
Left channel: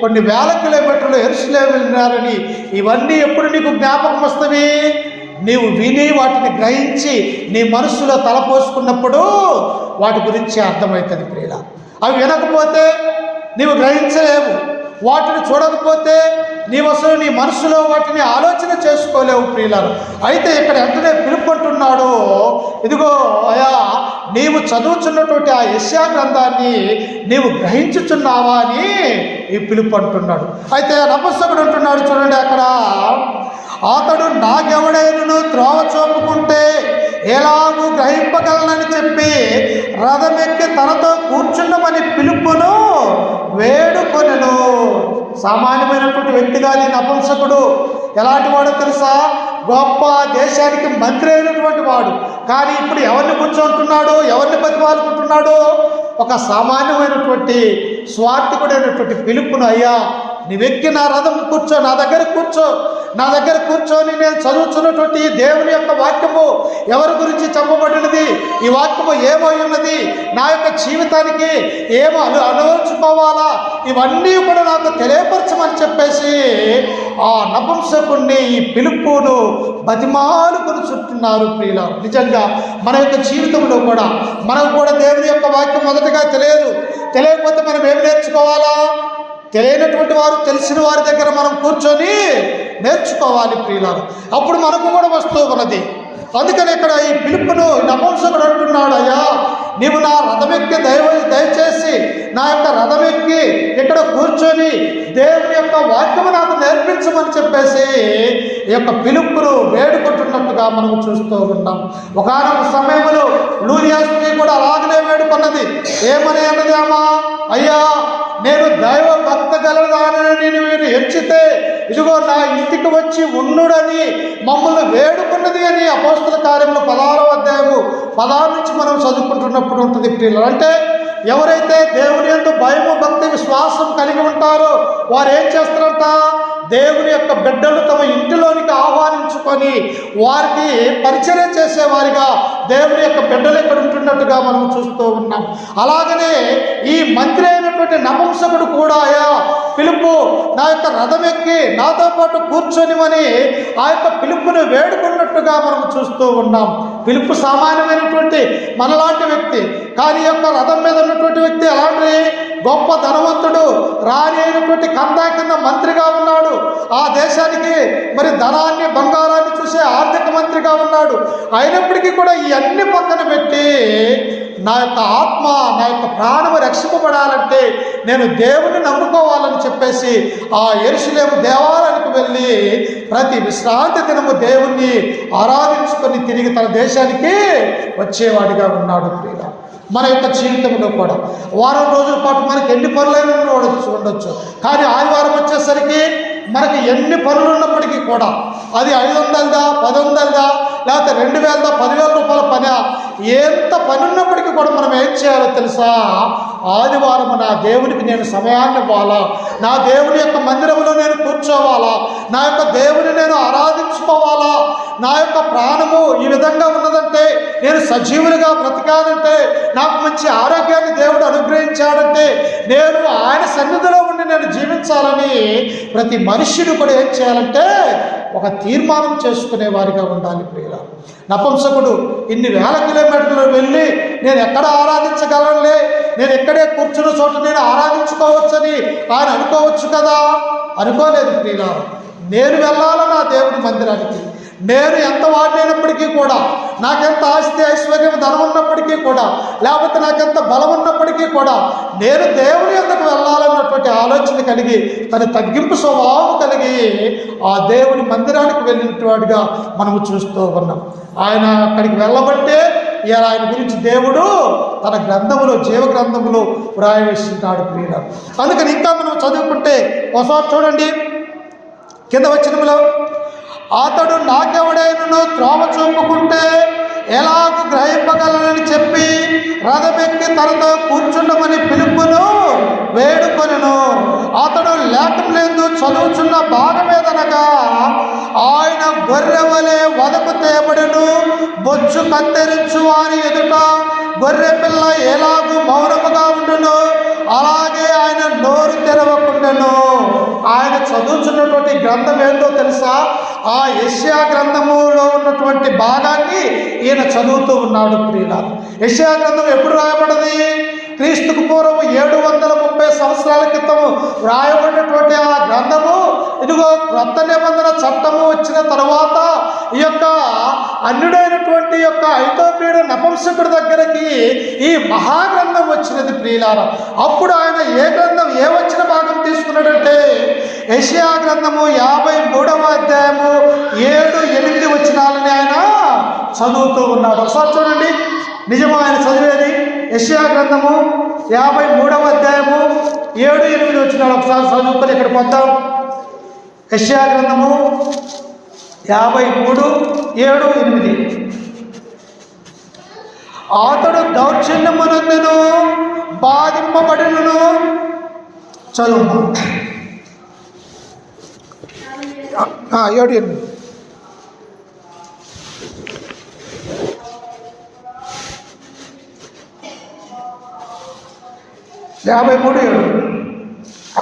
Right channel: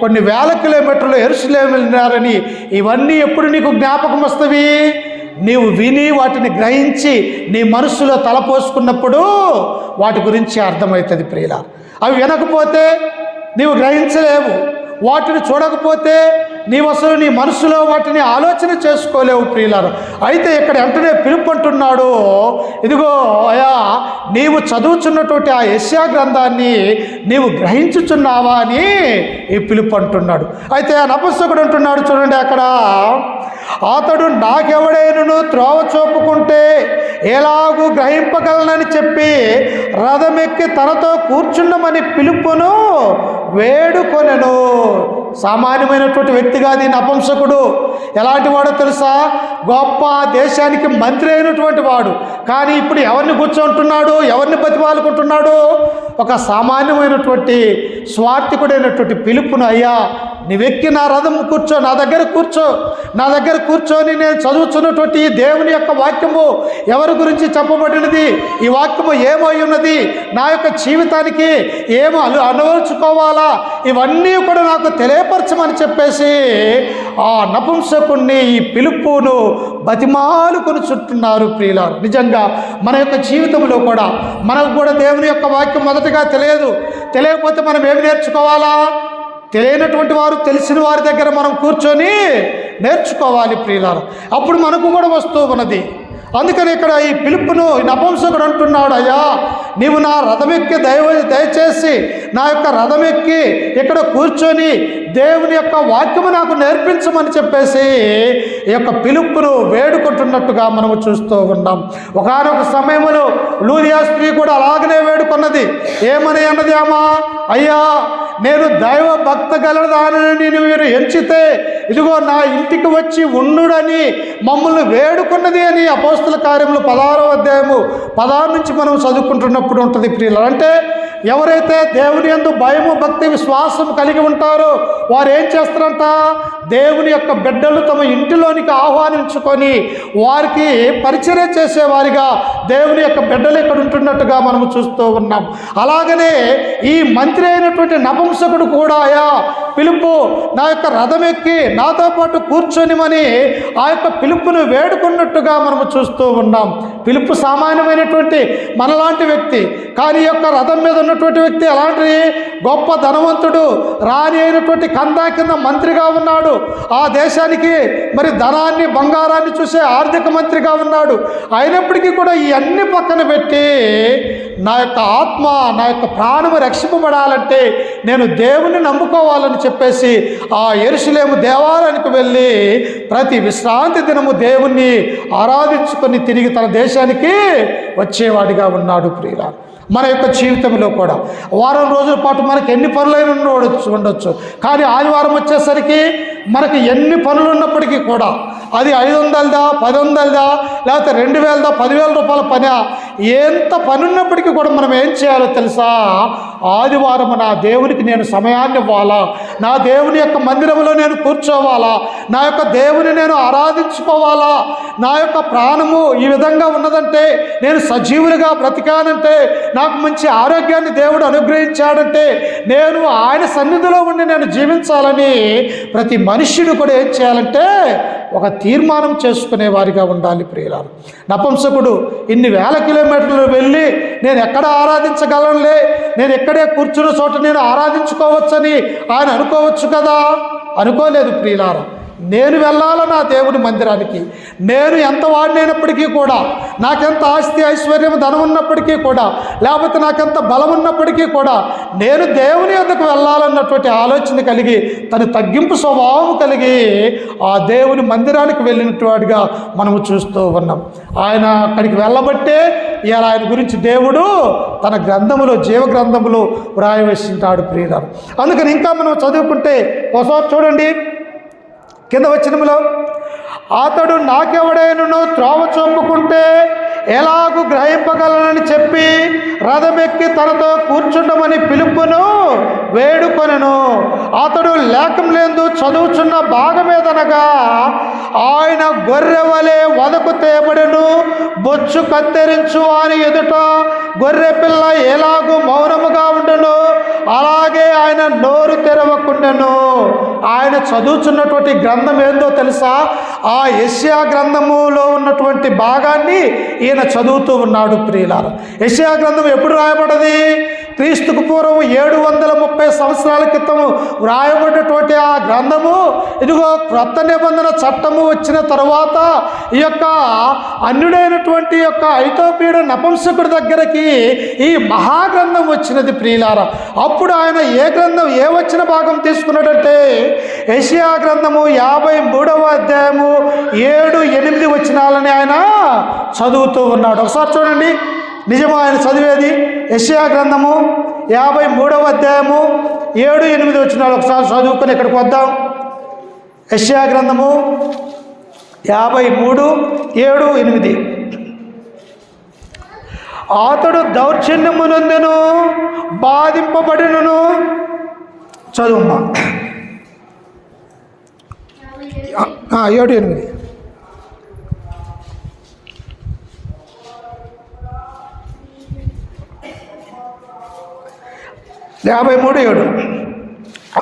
కొన్ని వేల కిలోమీటర్లు యెరూషలేము వెళ్ళినారని. ఇవన్నీ ఎప్పుడు నీకు జ్ఞాపకం వస్తవి? నీవు విని వాటిని గ్రహించి నీ మనస్సులో తలపోసుకున్నప్పుడు వాటి గురించి అర్థమవుతుంది ప్రియుల. అవి వినకపోతే నీవు గ్రహించలేవు. వాటిని చూడకపోతే నీవు అసలు నీ మనసులో వాటిని ఆలోచన చేసుకోలేవు ప్రియులారు. అయితే ఇక్కడ వెంటనే పిలుపు అంటున్నాడు, ఇదిగో అయా నీవు చదువుచున్నటువంటి ఆ యెషయా గ్రంథాన్ని నీవు గ్రహించుచున్నావా అని ఈ పిలుపు అంటున్నాడు. అయితే ఆ నపుంసకుడు అంటున్నాడు చూడండి అక్కడ, అతడు నాకెవడైనను త్రోవ చూపుకుంటే ఎలాగూ గ్రహింపగలనని చెప్పి రథమెక్కి తనతో కూర్చుండమని పిలుపును వేడుకొనెను. సామాన్యమైనటువంటి వ్యక్తి కాదు ఈ నపుంసకుడు. ఎలాంటి వాడో తెలుసా? గొప్ప దేశానికి మంత్రి అయినటువంటి వాడు. కానీ ఇప్పుడు ఎవరిని కూర్చోంటున్నాడు? ఎవరిని బతిమాలుకుంటున్నాడు? ఒక సామాన్యమైనటువంటి స్వార్థికుడైనటువంటి పిలుపును, అయ్యా నీవెక్కి నా రథం కూర్చో, నా దగ్గర కూర్చో, నా దగ్గర కూర్చొని నేను చదువుతున్నటువంటి దేవుని యొక్క వాక్యము ఎవరి గురించి చెప్పబడినది, ఈ వాక్యము ఏమై ఉన్నది, నా యొక్క జీవితానికి ఏమో అనుభవించుకోవాలా, ఇవన్నీ కూడా నాకు తెలియపరచమని చెప్పేసి ఆ నపుంసకుణ్ణి ఈ పిలుపును బతిమాలుకొని చుట్టున్నారు ప్రియులారు. నిజంగా మన యొక్క జీవితంలో కూడా మనకు కూడా దేవుని యొక్క వాక్యం మొదటగా తెలియకపోతే మనం ఏమి నేర్చుకోవాలా? తెలియనటువంటి వారు తెలిసిన వారి దగ్గర మనం కూర్చొని నేర్చుకోవాలి ప్రియులారు. అప్పుడు మనకు కూడా వస్తూ ఉన్నది. అందుకని ఇక్కడ ఈ పిలుపును నపుంసకుడు అంటున్నాడు, అయ్యా నీవు నా రథమెక్కి దయచేసి నా యొక్క రథమెక్కి ఇక్కడ కూర్చొని దేవుని యొక్క వాక్యము నాకు నేర్పించమని చెప్పేసి ఈ యొక్క పిలుపును వేడుకుంటున్నట్టుగా మనము చూస్తూ ఉన్నాం. ఒకనొక సమయంలో లూదియా స్త్రీ కూడా అలాగనే వేడుకున్నది. ఏమని అన్నది అమ్మా, అయ్యా నేను దైవ భక్త గలదానని మీరు ఎంచితే ఇదిగో నా ఇంటికి వచ్చి ఉండుడని మమ్మల్ని వేడుకున్నది అని అపోస్తల కార్యములు 16వ అధ్యాయము 16 నుంచి మనం చదువుకుంటున్నప్పుడు ఉంటుంది ప్రియులు. అంటే ఎవరైతే దేవుని యందు భయము భక్తి విశ్వాసం కలిగి ఉంటారో వారు ఏం చేస్తారంట? దేవుని యొక్క బిడ్డలు తమ ఇంటిలోనికి ఆహ్వానించుకొని వారికి పరిచర్య చేసేవారిగా దేవుని యొక్క బిడ్డలు ఇక్కడ ఉంటున్నట్టుగా మనం చూస్తూ ఉన్నాం. అలాగనే ఈ మంత్రి అయినటువంటి నపుంసకుడు కూడా అయా పిలుపు నా యొక్క రథం ఎక్కి నాతో పాటు కూర్చొనిమని ఆ యొక్క పిలుపును వేడుకున్నట్టుగా మనం చూస్తూ ఉన్నాం. పిలుపు సామాన్యమైనటువంటి మనలాంటి వ్యక్తి, కానీ యొక్క రథం మీద ఉన్నటువంటి వ్యక్తి అలాంటి గొప్ప ధనవంతుడు, రాణి అయినటువంటి కందా కింద మంత్రిగా ఉన్నాడు. ఆ దేశానికి మరి ధనాన్ని బంగారాన్ని చూసే ఆర్థిక మంత్రిగా ఉన్నాడు. అయినప్పటికీ కూడా ఈ అన్ని పక్కన పెట్టి నా యొక్క ఆత్మ నా యొక్క ప్రాణము రక్షింపబడాలంటే నేను దేవుని నమ్ముకోవాలని చెప్పేసి ఆ యెరూషలేము దేవాలయానికి వెళ్ళి ప్రతి విశ్రాంతి దినము దేవుణ్ణి ఆరాధించుకొని తిరిగి తన దేశానికి వచ్చేవాడిగా ఉన్నాడు. ప్రియుల మన యొక్క జీవితంలో కూడా వారం రోజుల పాటు మనకి ఎన్ని పనులైనా ఉండొచ్చు, కానీ ఆదివారం వచ్చేసరికి మనకి ఎన్ని పనులు ఉన్నప్పటికీ కూడా అది 500దా 1000దా లేకపోతే 2000దా 10,000 రూపాయల పని, ఎంత పని ఉన్నప్పటికీ కూడా మనం ఏం చేయాలో తెలుసా? ఆదివారం నా దేవునికి నేను సమయాన్ని ఇవ్వాలా, నా దేవుని యొక్క మందిరంలో నేను కూర్చోవాలా, నా యొక్క దేవుని నేను ఆరాధించుకోవాలా. నా యొక్క ప్రాణము ఈ విధంగా ఉన్నదంటే, నేను సజీవులుగా బ్రతికానంటే, నాకు మంచి ఆరోగ్యాన్ని దేవుడు అనుగ్రహించాడంటే, నేను ఆయన సన్నిధిలో ఉండి నేను జీవించాలని ప్రతి మనుష్యుడు కూడా ఏం చేయాలంటే ఒక తీర్మానం చేసుకునే వారిగా ఉండాలి. ప్రియులారా, నపుంసకుడు ఇన్ని వేల కిలోమీటర్లు వెళ్ళి నేను ఎక్కడ ఆరాధించగలనులే, నేను ఎక్కడే కూర్చున్న చోట నేను ఆరాధించుకోవచ్చని ఆయన అనుకోవచ్చు కదా? అనుకోలేదు ప్రియులారా. నేను వెళ్ళాలి నా దేవుని మందిరానికి. నేను ఎంత వాడినప్పటికీ కూడా, నాకెంత ఆస్తి ఐశ్వర్యం ధనం ఉన్నప్పటికీ కూడా, లేకపోతే నాకెంత బలం ఉన్నప్పటికీ కూడా నేను దేవుని యొద్దకు వెళ్ళాలన్నటువంటి ఆలోచన కలిగి తన తగ్గింపు స్వభావం కలిగి ఆ దేవుని మందిరానికి వెళ్ళినట్టుగా మనము చూస్తూ ఉన్నాం. ఆయన అక్కడికి వెళ్ళబట్టే ఇలా ఆయన గురించి దేవుడు తన గ్రంథములో జీవ గ్రంథములో వ్రాయవేసింటాడు. ప్రియులారా, అందుకని ఇంకా మనం చదువుకుంటే ఒకసారి చూడండి కింద వచనములో, అతడు నాకెవడైనను త్రోవ చూపుకుంటే ఎలాగూ గ్రహింపగలనని చెప్పి రథమెక్కి తనతో కూర్చుండమని పిలుపును వేడుకొనెను. అతడు లేఖములందు చదువుచున్న భాగమేదనగా, ఆయన గొర్రె వలె వదకు తేబడెను, బొచ్చు కత్తిరించు వారి ఎదుట గొర్రె పిల్ల ఎలాగూ మౌనముగా ఉండను, అలాగే ఆయన నోరు తెరవకుండాను. ఆయన చదువుతున్నటువంటి గ్రంథం ఏందో తెలుసా? ఆ యెషయా గ్రంథములో ఉన్నటువంటి భాగాన్ని ఈయన చదువుతూ ఉన్నాడు ప్రియులారా. యెషయా గ్రంథం ఎప్పుడు రాయబడ్డది? క్రీస్తుకు పూర్వం 730 సంవత్సరాల క్రితం వ్రాయబడినటువంటి ఆ గ్రంథము ఇదిగో క్రొత్త నిబంధన చట్టము వచ్చిన తర్వాత ఈ యొక్క అన్యుడైనటువంటి యొక్క ఐతోపీయుడు నపుంసకుడి దగ్గరికి ఈ మహాగ్రంథం వచ్చినది ప్రియులారా. అప్పుడు ఆయన ఏ వచ్చిన భాగం తీసుకున్నాడంటే యెషయా గ్రంథము 53వ అధ్యాయము 7-8 వచనాలని ఆయన చదువుతూ ఉన్నాడు. ఒకసారి చూడండి, నిజమా ఆయన చదివేది? యెషయా గ్రంథము 53వ అధ్యాయము 7-8 వచనాలు ఒకసారి చదువుకొని ఇక్కడికి వద్దాం. యెషయా గ్రంథము 53:7-8. అతడు దౌర్జన్యమునందును బాధింపబడినను. చదువు 7-8.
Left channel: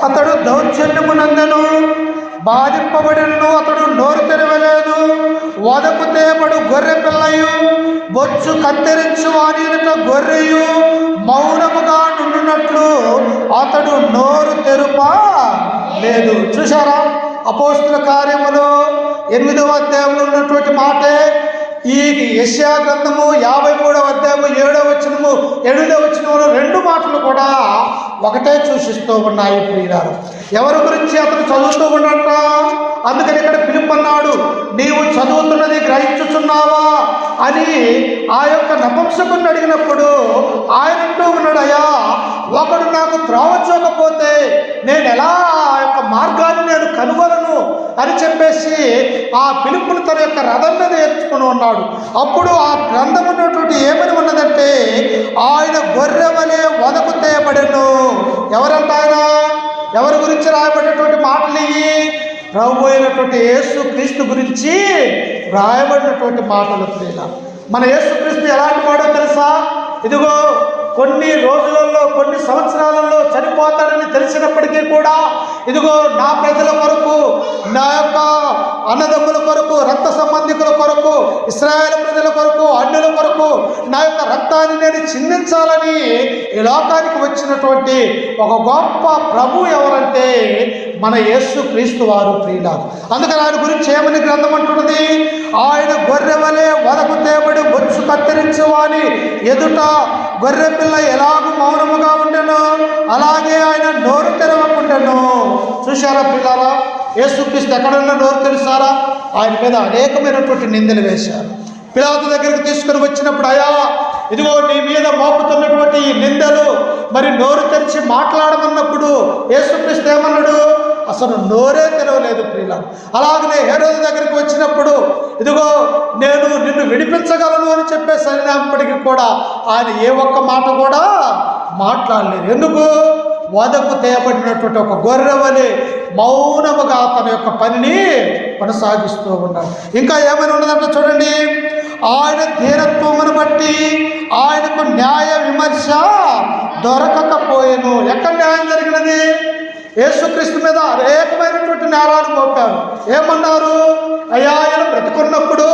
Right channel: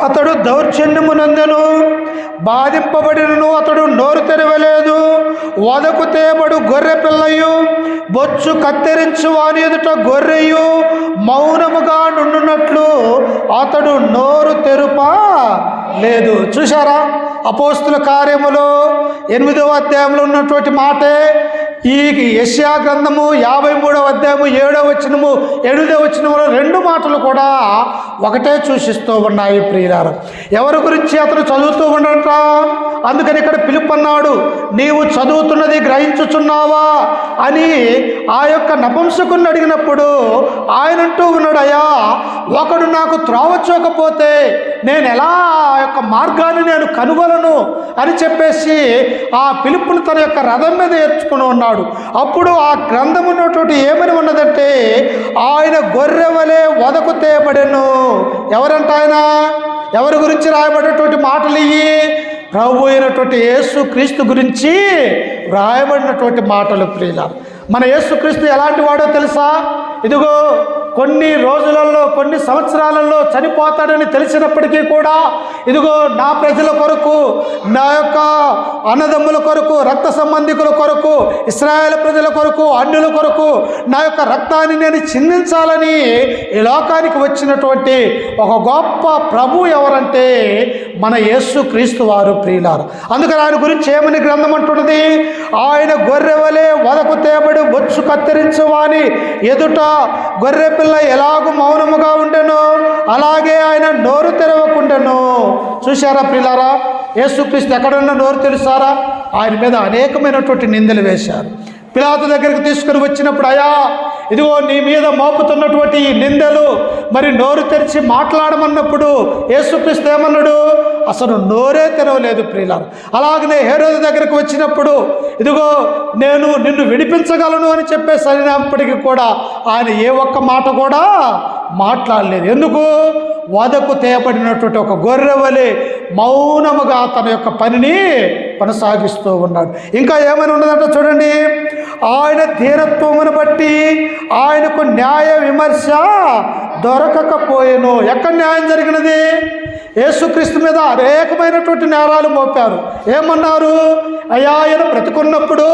అతడు దౌర్జన్యమునందును బాధింపబడినను, అతడు నోరు తెరవలేదు, వదకు తేబడు గొర్రె పిల్లయు, బొచ్చు కత్తిరించు వాని ఎదుట గొర్రెయు మౌనముగా నుండునట్లు అతడు నోరు తెరుప లేదు. చూశారా? అపోస్తుల కార్యములు 8వ అధ్యాయంలో ఉన్నటువంటి మాటే ఈ యెషయా గ్రంథము 53వ అధ్యాయము 7వ వచనము 8వ వచనములో 2 మాటలు కూడా ఒకటే సూచిస్తూ ఉన్నాయి ప్రియులారా. ఎవరి గురించి అతను చదువుతూ ఉండట? అందుకని ఇక్కడ పిలుపు అన్నాడు, నీవు చదువుతున్నది గ్రహించుచున్నావా అని ఆ యొక్క నపుంసకుని అడిగినప్పుడు ఆయన అంటూ ఉన్నాడు, అయ్యా ఒకడు నాకు త్రోవ చూపకపోతే నేను ఎలా ఆ యొక్క మార్గాన్ని నేను కనుగొలను అని చెప్పేసి ఆ పిలుపుని తన యొక్క రథం మీద ఏర్చుకుని ఉన్నాడు. అప్పుడు ఆ గ్రంథం ఉన్నటువంటి ఏమని ఉన్నదంటే, ఆయన గొర్రె వలె వదకు తేబడెను. ఎవరంట ఆయన? ఎవరి గురించి రాయబడినటువంటి మాటలు ఇవి? ప్రభు అయినటువంటి యేసు క్రీస్తు గురించి రాయబడినటువంటి మాటలు ప్రియులారా. మన యేసు క్రీస్తు ఎలాంటి వాడో తెలుసా? ఇదిగో కొన్ని రోజులలో కొన్ని సంవత్సరాలలో చనిపోతాడని తెలిసినప్పటికీ కూడా ఇదిగో నా ప్రజల కొరకు, నా యొక్క అన్నదమ్ముల కొరకు, రక్త సంబంధికుల కొరకు, ఇశ్రాయేలు ప్రజల కొరకు, అన్యుల కొరకు నా యొక్క రక్తాన్ని నేను చిందించాలని ఈ లోకానికి వచ్చినటువంటి ఒక గొప్ప ప్రభు ఎవరంటే మన యేసు క్రీస్తు వారు ప్రియులారు. అందుకని ఆయన గురించి ఏమని గ్రంథం అంటున్నది? ఆయన గొర్రె వలె వదకు తేబడి బొచ్చు కత్తిరించువాని ఎదుట గొర్రె పిల్ల ఎలాగూ మౌనముగా ఉండెను, అలాగే ఆయన నోరు తెరవకుండెను. చూశారా ప్రియులారా? యేసుక్రీస్తు ఎక్కడన్నా నోరు తెరుస్తారా? ఆయన మీద అనేకమైనటువంటి నిందలు వేశారు. పిలాతు దగ్గరకు తీసుకుని వచ్చినప్పుడు, అయ్యా ఇదిగో నీ మీద మోపుతున్నటువంటి ఈ నిందలు మరి నోరు తెరిచి మాట్లాడమన్నప్పుడు యేసుక్రీస్తు ఏమన్నాడు? అసలు నోరే తెరవలేదు ప్రియులారా. అలాగనే హేరోదు దగ్గరికి వచ్చినప్పుడు ఇదిగో నేను నిన్ను విడిపించగలను అని చెప్పేసి అన్నప్పటికీ కూడా ఆయన ఏ ఒక్క మాట కూడా మాట్లాడలేదు. ఎందుకు? వదకు తేబడినటువంటి ఒక గొర్రె వలె మౌనముగా తన యొక్క పనిని కొనసాగిస్తూ ఉన్నాడు. ఇంకా ఏమని ఉన్నదంటే చూడండి, ఆయన ధీరత్వమును బట్టి ఆయనకు న్యాయ విమర్శ దొరకకపోయేను. ఎక్కడ న్యాయం జరిగినది? యేసుక్రీస్తు మీద అనేకమైనటువంటి నేరాలు మోపారు. ఏమన్నారు? అయ్యా ఆయన బ్రతుకున్నప్పుడు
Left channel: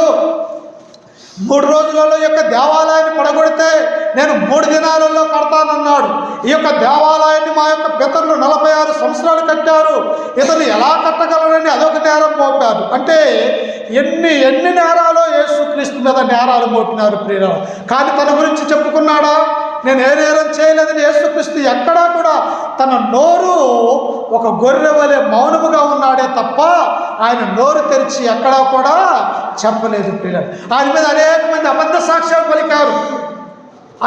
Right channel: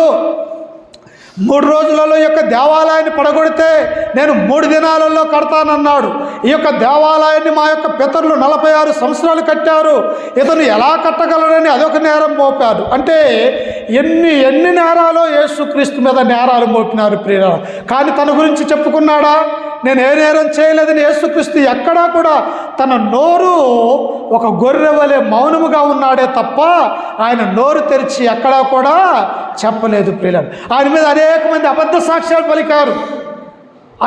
3 రోజులలో యొక్క దేవాలయాన్ని పడగొడితే నేను 3 దినాలలో కడతానన్నాడు. ఈ యొక్క దేవాలయాన్ని మా యొక్క పితరులు 46 సంవత్సరాలు కట్టారు, ఇతను ఎలా కట్టగలరని అదొక నేరం మోపారు. అంటే ఎన్ని నేరాలో యేసుక్రీస్తు మీద నేరాలు మోపినారు ప్రియులారా. కానీ తన గురించి చెప్పుకున్నాడా? నేను ఏ నేరం చేయలేదని యేసుక్రీస్తు ఎక్కడా కూడా తన నోరు ఒక గొర్రె వలె మౌనముగా ఉన్నాడే తప్ప ఆయన నోరు తెరిచి ఎక్కడా కూడా చెప్పలేదు ప్రియులారా. ఆయన మీద అనేక మంది అబద్ధ సాక్ష్యాలు పలికారు,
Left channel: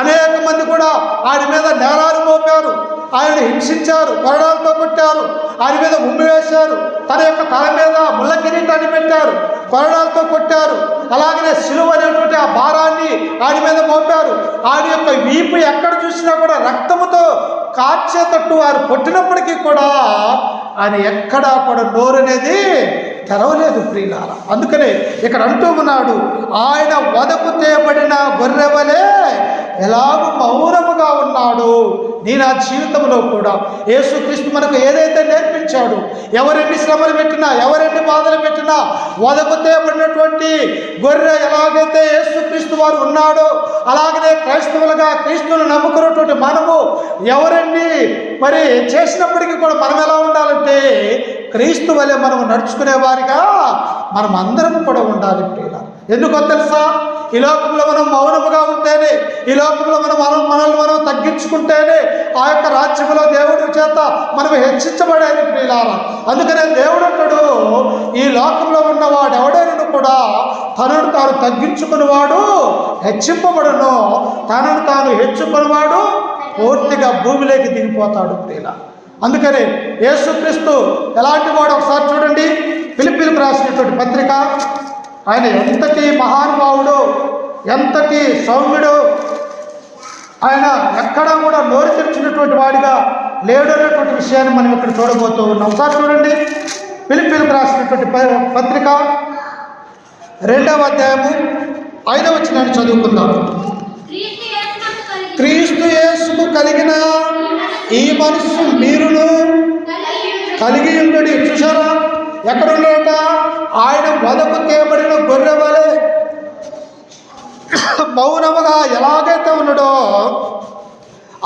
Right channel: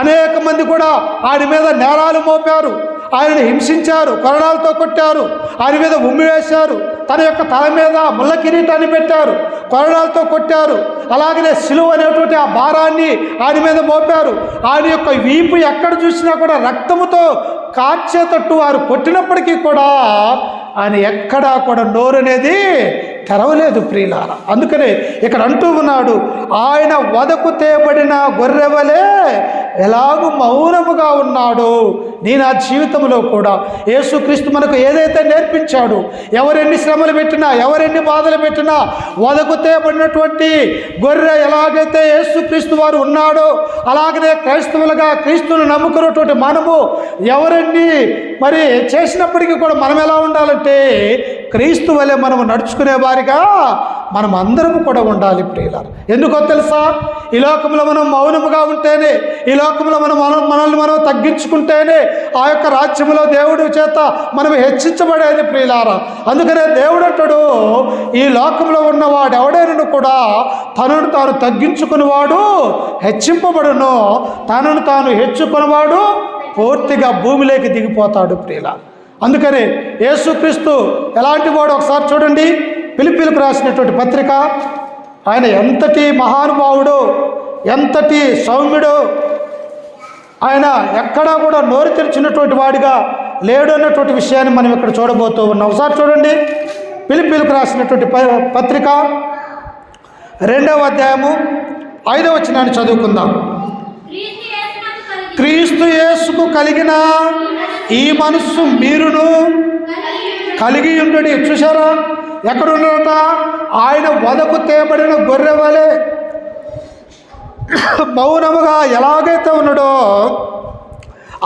అనేక మంది కూడా ఆయన మీద నేరాలు మోపారు, ఆయన హింసించారు, కొరడాలతో కొట్టారు, ఆయన మీద ఉమ్మి వేశారు, తన యొక్క తల మీద ముళ్ళ కిరీటాన్ని పెట్టారు. కొరడాలతో కొట్టారు. అలాగనే సిలువ అనేటువంటి ఆ భారాన్ని ఆయన మీద మోపారు. ఆయన యొక్క వీపు ఎక్కడ చూసినా కూడా రక్తముతో కార్చేటట్టు వారు కొట్టినప్పటికీ కూడా ఆయన ఎక్కడా కూడా నోరు అనేది తెరవలేదు ప్రియులారా. అందుకనే ఇక్కడ అంటూ ఉన్నాడు, ఆయన వదకు తేబడిన గొర్రెవలే ఎలాగూ మౌనముగా ఉన్నాడు. నేను ఆ జీవితంలో కూడా యేసుక్రీస్తు మనకు ఏదైతే నేర్పించాడు, ఎవరెన్ని శ్రమలు పెట్టినా, ఎవరెన్ని బాధలు పెట్టినా, వదకు తేబడినటువంటి గొర్రె ఎలాగైతే యేసుక్రీస్తు వారు ఉన్నాడో, అలాగనే క్రైస్తవులుగా క్రీస్తును నమ్ముకున్నటువంటి మనము ఎవరెన్ని మరి చేసినప్పటికీ కూడా మనం ఎలా ఉండాలంటే క్రీస్తు వలె మనం నడుచుకునే వారిగా మనం అందరం కూడా ఉండాలి ప్రియులారా. ఎందుకో తెలుసా? ఈ లోకంలో మనం మౌనముగా ఉంటేనే, ఈ లోకంలో మనల్ని మనం తగ్గించుకుంటేనే ఆ యొక్క రాజ్యంలో దేవుడి చేత మనం హెచ్చించబడేది ప్రియులారా. అందుకనే దేవుడు అంటాడు, ఈ లోకంలో ఉన్నవాడు ఎవడైనా కూడా తనను తాను తగ్గించుకునేవాడు హెచ్చింపబడును, తనను తాను హెచ్చుకునేవాడు పూర్తిగా భూమిలోకి దిగిపోతాడు ప్రియులారా. అందుకనే యేసుక్రీస్తు ఎలాంటి వాడు ఒకసారి చూడండి. ఫిలిప్పీలకు రాసినటువంటి పత్రిక, ఆయన ఎంతటి మహానుభావుడో, ఎంతటి సౌమ్యుడో, ఆయన ఎక్కడా కూడా నోరు తెరిచినటువంటి వాడిగా లేడు అనేటువంటి విషయాన్ని మనం ఇక్కడ చూడబోతూ ఉన్నాం. ఒకసారి చూడండి, ఫిలిప్పీలకు రాసినటువంటి పత్రిక 2వ అధ్యాయము 5వ వచనాన్ని చదువుకుందాం. క్రీస్తు యేసుకు కలిగిన ఈ మనస్సు మీరును కలిగి ఉండడి. చూశారా ఎక్కడున్నాడట? ఆయన వదకు తేబడిన గొర్రె వలె మౌనముగా ఎలాగైతే ఉన్నాడో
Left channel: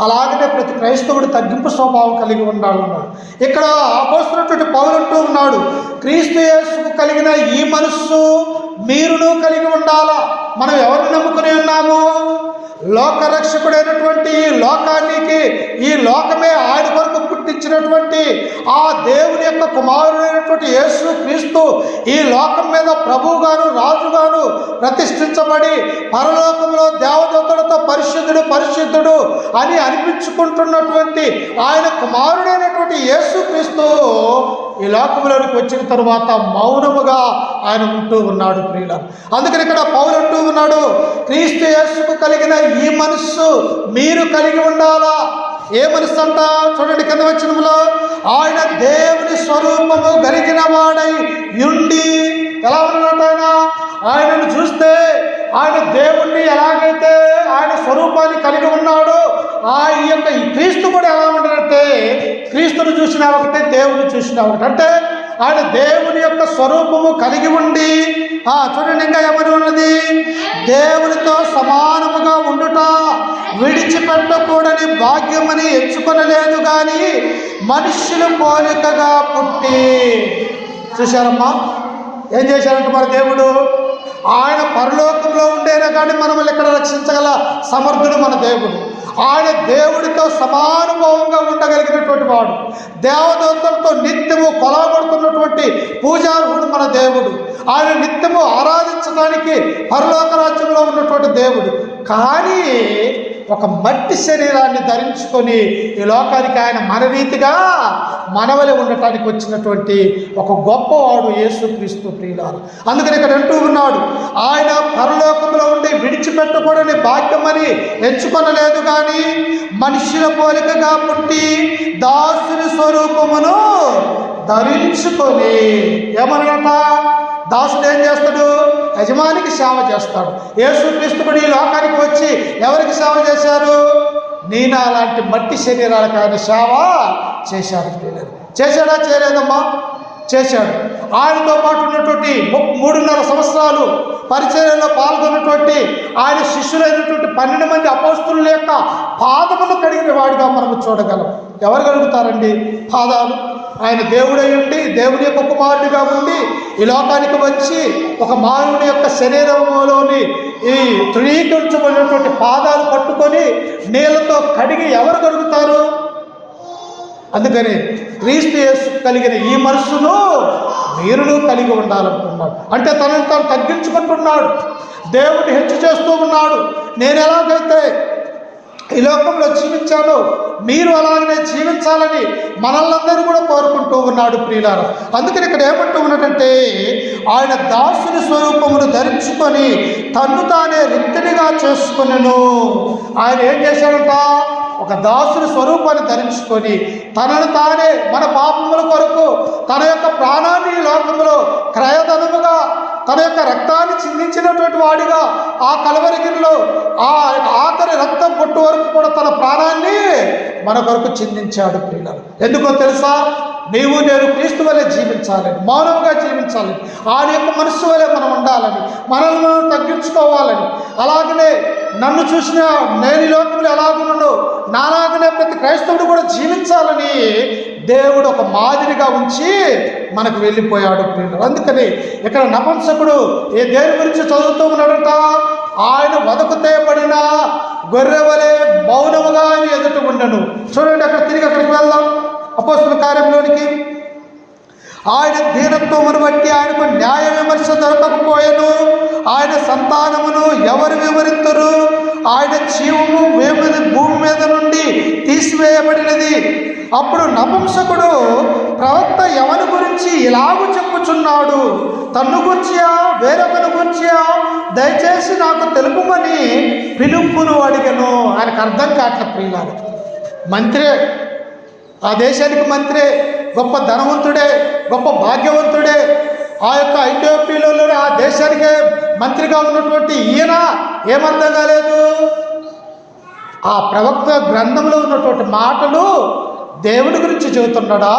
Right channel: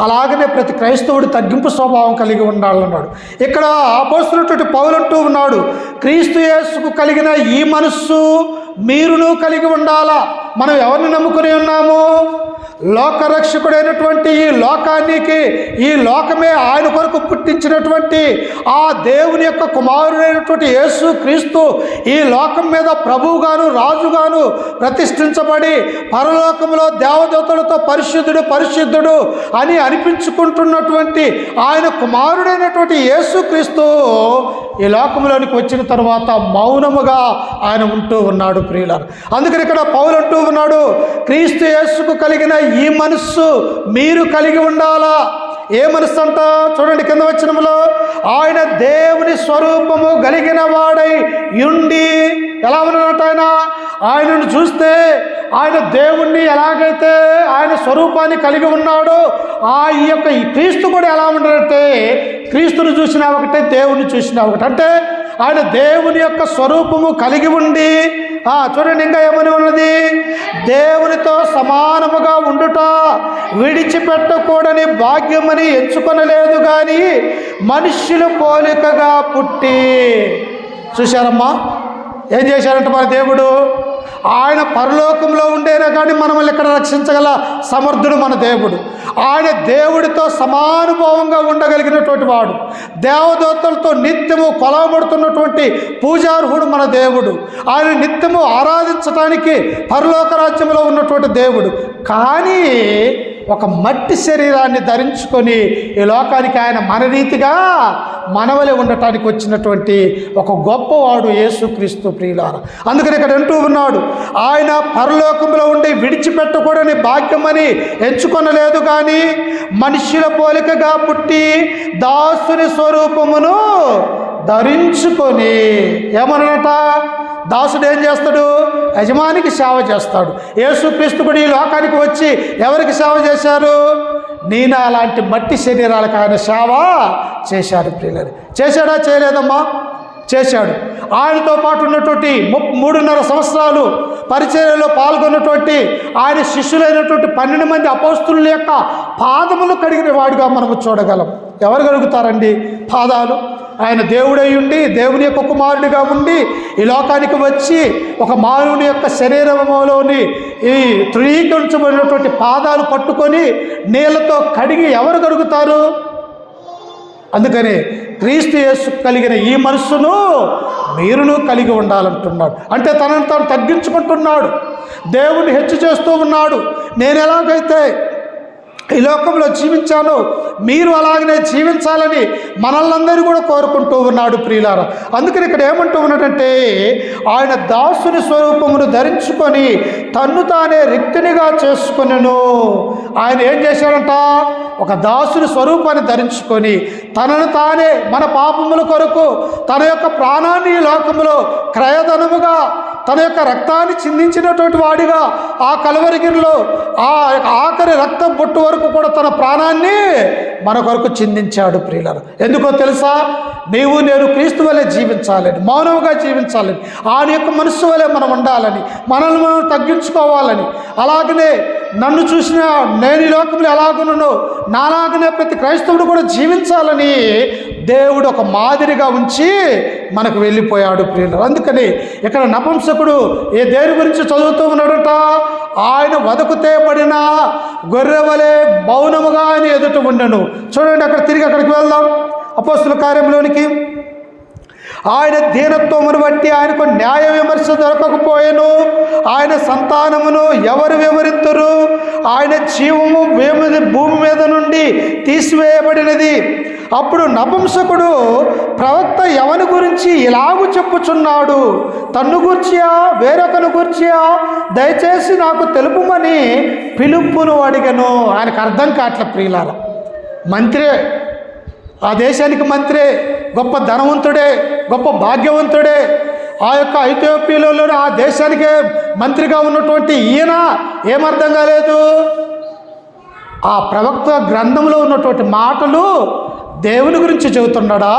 అలాగనే ప్రతి క్రైస్తవుడు తగ్గింపు స్వభావం కలిగి ఉండాలన్నాడు. ఇక్కడ అపోస్తలుడైన పౌలు అంటూ ఉన్నాడు, క్రీస్తు యేసుకు కలిగిన ఈ మనస్సు మీరును కలిగి ఉండాలా. మనం ఎవరిని నమ్ముకుని ఉన్నాము? లోకరక్షకుడైనటువంటి ఈ లోకానికి, ఈ లోకమే ఆయన కొరకు పుట్టించినటువంటి ఆ దేవుని యొక్క కుమారుడైనటువంటి యేసు క్రీస్తు ఈ లోకం మీద ప్రభువుగాను రాజుగాను ప్రతిష్ఠించబడి పరలోకంలో దేవదూతలతో పరిశుద్ధుడు పరిశుద్ధుడు అని అనిపించుకుంటున్నటువంటి ఆయన కుమారుడైనటువంటి యేసు క్రీస్తు ఈ లోకంలోనికి వచ్చిన తరువాత మౌనముగా ఆయన ఉంటూ ఉన్నాడు ప్రియులారా. అందుకని ఇక్కడ పౌలు అంటూ ఉన్నాడు, క్రీస్తు యేసుకు కలిగిన ఈ మనస్సు మీరు కలిగి ఉండాలా. ఏ మనస్సు అంట? చూడండి కింద వచనంలో, ఆయన దేవుని స్వరూపము కలిగిన వాడై ఉండి. ఎలా ఉన్నాడు ఆయన? ఆయనను చూస్తే ఆయన దేవుణ్ణి ఎలాగైతే ఆయన స్వరూపాన్ని కలిగి ఉన్నాడో ఆ యొక్క ఈ క్రీస్తు కూడా ఎలా ఉన్నాడంటే క్రీస్తును చూసినా ఒకటే, దేవుని చూసినా ఒకటి. అంటే ఆయన దేవుని యొక్క స్వరూపము కలిగి ఉండి, చూడండి ఇంకా ఏమని ఉన్నది, దేవునితో సమానముగా ఉండుట విడిచిపెట్టకూడని భాగ్యమని ఎంచుకొనలేదు కానీ మనుష్యుల పోలికగా పుట్టి. చూశారమ్మా ఏం చేశారంట మన దేవుడు? ఆయన పరలోకంలో ఉండేనా కానీ మనల్ని ఇక్కడ రక్షించగల సమర్థుడు మన దేవుడు. ఆయన దేవుడితో సమానుభావంగా ఉండగలిగినటువంటి వాడు, దేవదూతలతో నిత్యము కొలవబడుతున్నటువంటి పూజార్హుడు మన దేవుడు. ఆయన నిత్యము ఆరాధించడానికి పరలోక రాజ్యంలో ఉన్నటువంటి దేవుడు. కానీ ఒక మట్టి శరీరాన్ని ధరించుకొని ఈ లోకానికి ఆయన మన రీతిగా మనవలే ఉండటానికి వచ్చినటువంటి ఒక గొప్పవాడు యేసుక్రీస్తు ప్రియులారా. అందుకని ఇక్కడ అంటూ ఉన్నాడు, ఆయన పరలోకంలో ఉండి విడిచిపెట్టకూడని భాగ్యమని ఎంచుకొనలేదు కానీ మనుష్యుల పోలికగా పుట్టి దాసుని స్వరూపమును ధరించుకొని. ఏమన్నట? దాసుడు ఏం చేస్తాడు? యజమానికి సేవ చేస్తాడు. యేసుక్రీస్తు కూడా ఈ లోకానికి వచ్చి ఎవరికి సేవ చేశారు? నేను అలాంటి మట్టి శరీరాలకు ఆయన సేవ చేశాడు ప్రియులారా. చేశాడా? చేయలేదమ్మా, చేశాడు. ఆయనతో పాటు ఉన్నటువంటి 3.5 సంవత్సరాలు పరిచర్యలో పాల్గొన్నటువంటి ఆయన శిష్యులైనటువంటి 12 మంది అపోస్తలుల యొక్క పాదములు కడిగిన వాడిగా మనము చూడగలం. ఎవరు కలుగుతారండి పాదాలు? ఆయన దేవుడై ఉండి, దేవుని యొక్క కుమారుడిగా ఉండి ఈ లోకానికి వచ్చి ఒక మానవుని యొక్క శరీరంలోని ఈ తృణీకరించబడినటువంటి పాదాలు పట్టుకొని నీళ్ళతో కడిగి ఎవరు కలుగుతారు? అందుకని క్రీస్తు యేసు కలిగిన ఈ మనస్సును మీరును కలిగి ఉండాలంటున్నాడు. అంటే తనను తాను తగ్గించుకుంటున్నాడు, దేవుడిని హెచ్చు చేస్తూ ఉన్నాడు. నేను ఎలాగైతే ఈ లోకంలో జీవించాను, మీరు అలాగనే జీవించాలని మనల్నందరూ కూడా కోరుకుంటూ ఉన్నాడు ప్రియులారా. అందుకని ఇక్కడ ఏమంటూ ఉన్నాడంటే, ఆయన దాసుని స్వరూపమును ధరించుకొని తన్ను తానే రిక్తునిగా చేసుకొనెను. ఆయన ఏం చేశాడంట? ఒక దాసుని స్వరూపాన్ని ధరించుకొని తనను తానే మన పాపముల కొరకు తన యొక్క ప్రాణాన్ని ఈ లోకములో క్రయధనముగా తన యొక్క రక్తాన్ని చిందించినటువంటి వాడిగా ఆ కలవరిగిరిలో ఆ ఆఖరి రక్తం పొట్టు వరకు కూడా తన ప్రాణాన్ని మన కొరకు చిందించాడు ప్రియులారా. ఎందుకో తెలుసా? నీవు నేను క్రీస్తు వలె జీవించాలని, మౌనముగా జీవించాలని, ఆయన యొక్క మనస్సు వలె మనం ఉండాలని, మనల్ని మనం తగ్గించుకోవాలని, అలాగనే నన్ను చూసిన నేను ఈ లోకంలో ఎలాగున్నానో నాలాగనే ప్రతి క్రైస్తవుడు కూడా జీవించాలని దేవుడు ఒక మాదిరిగా ఉంచి మనకు వెళ్ళిపోయాడు ప్రియులారా. అందుకని ఇక్కడ నపుంసకుడు దేని గురించి చదువుతూ ఉన్నాడట? ఆయన వదకు తేబడిన గొర్రెవలే మౌనముగా ఆయన ఎదుట ఉండను. చూడండి, తిరిగి అక్కడికి వెళ్దాం, అపోస్తుల కార్యంలోనికి. ఆయన దీనత్వమును బట్టి ఆయనకు న్యాయ విమర్శ దొరకకపోయాను. ఆయన సంతానమును ఎవరు వివరిద్దరు? ఆయన జీవము భూమి మీద నుండి తీసివేయబడినది. అప్పుడు నపుంసకుడు ప్రవక్త ఎవరి గురించి ఇలాగూ చెప్పుచున్నాడు? తన్ను గూర్చియా వేరొకను గూర్చియా? దయచేసి నాకు తెలుపుమని పిలుపును అడిగను. ఆయనకు అర్థం కావట్లే ప్రియులారా. మంత్రే, ఆ దేశానికి మంత్రే, గొప్ప ధనవంతుడే, గొప్ప భాగ్యవంతుడే, ఆ యొక్క ఐథియోపియాలో ఆ దేశానికే మంత్రిగా ఉన్నటువంటి ఈయన ఏమర్థం కాలేదు? ఆ ప్రవక్త గ్రంథంలో ఉన్నటువంటి మాటలు దేవుని గురించి చెబుతున్నాడా,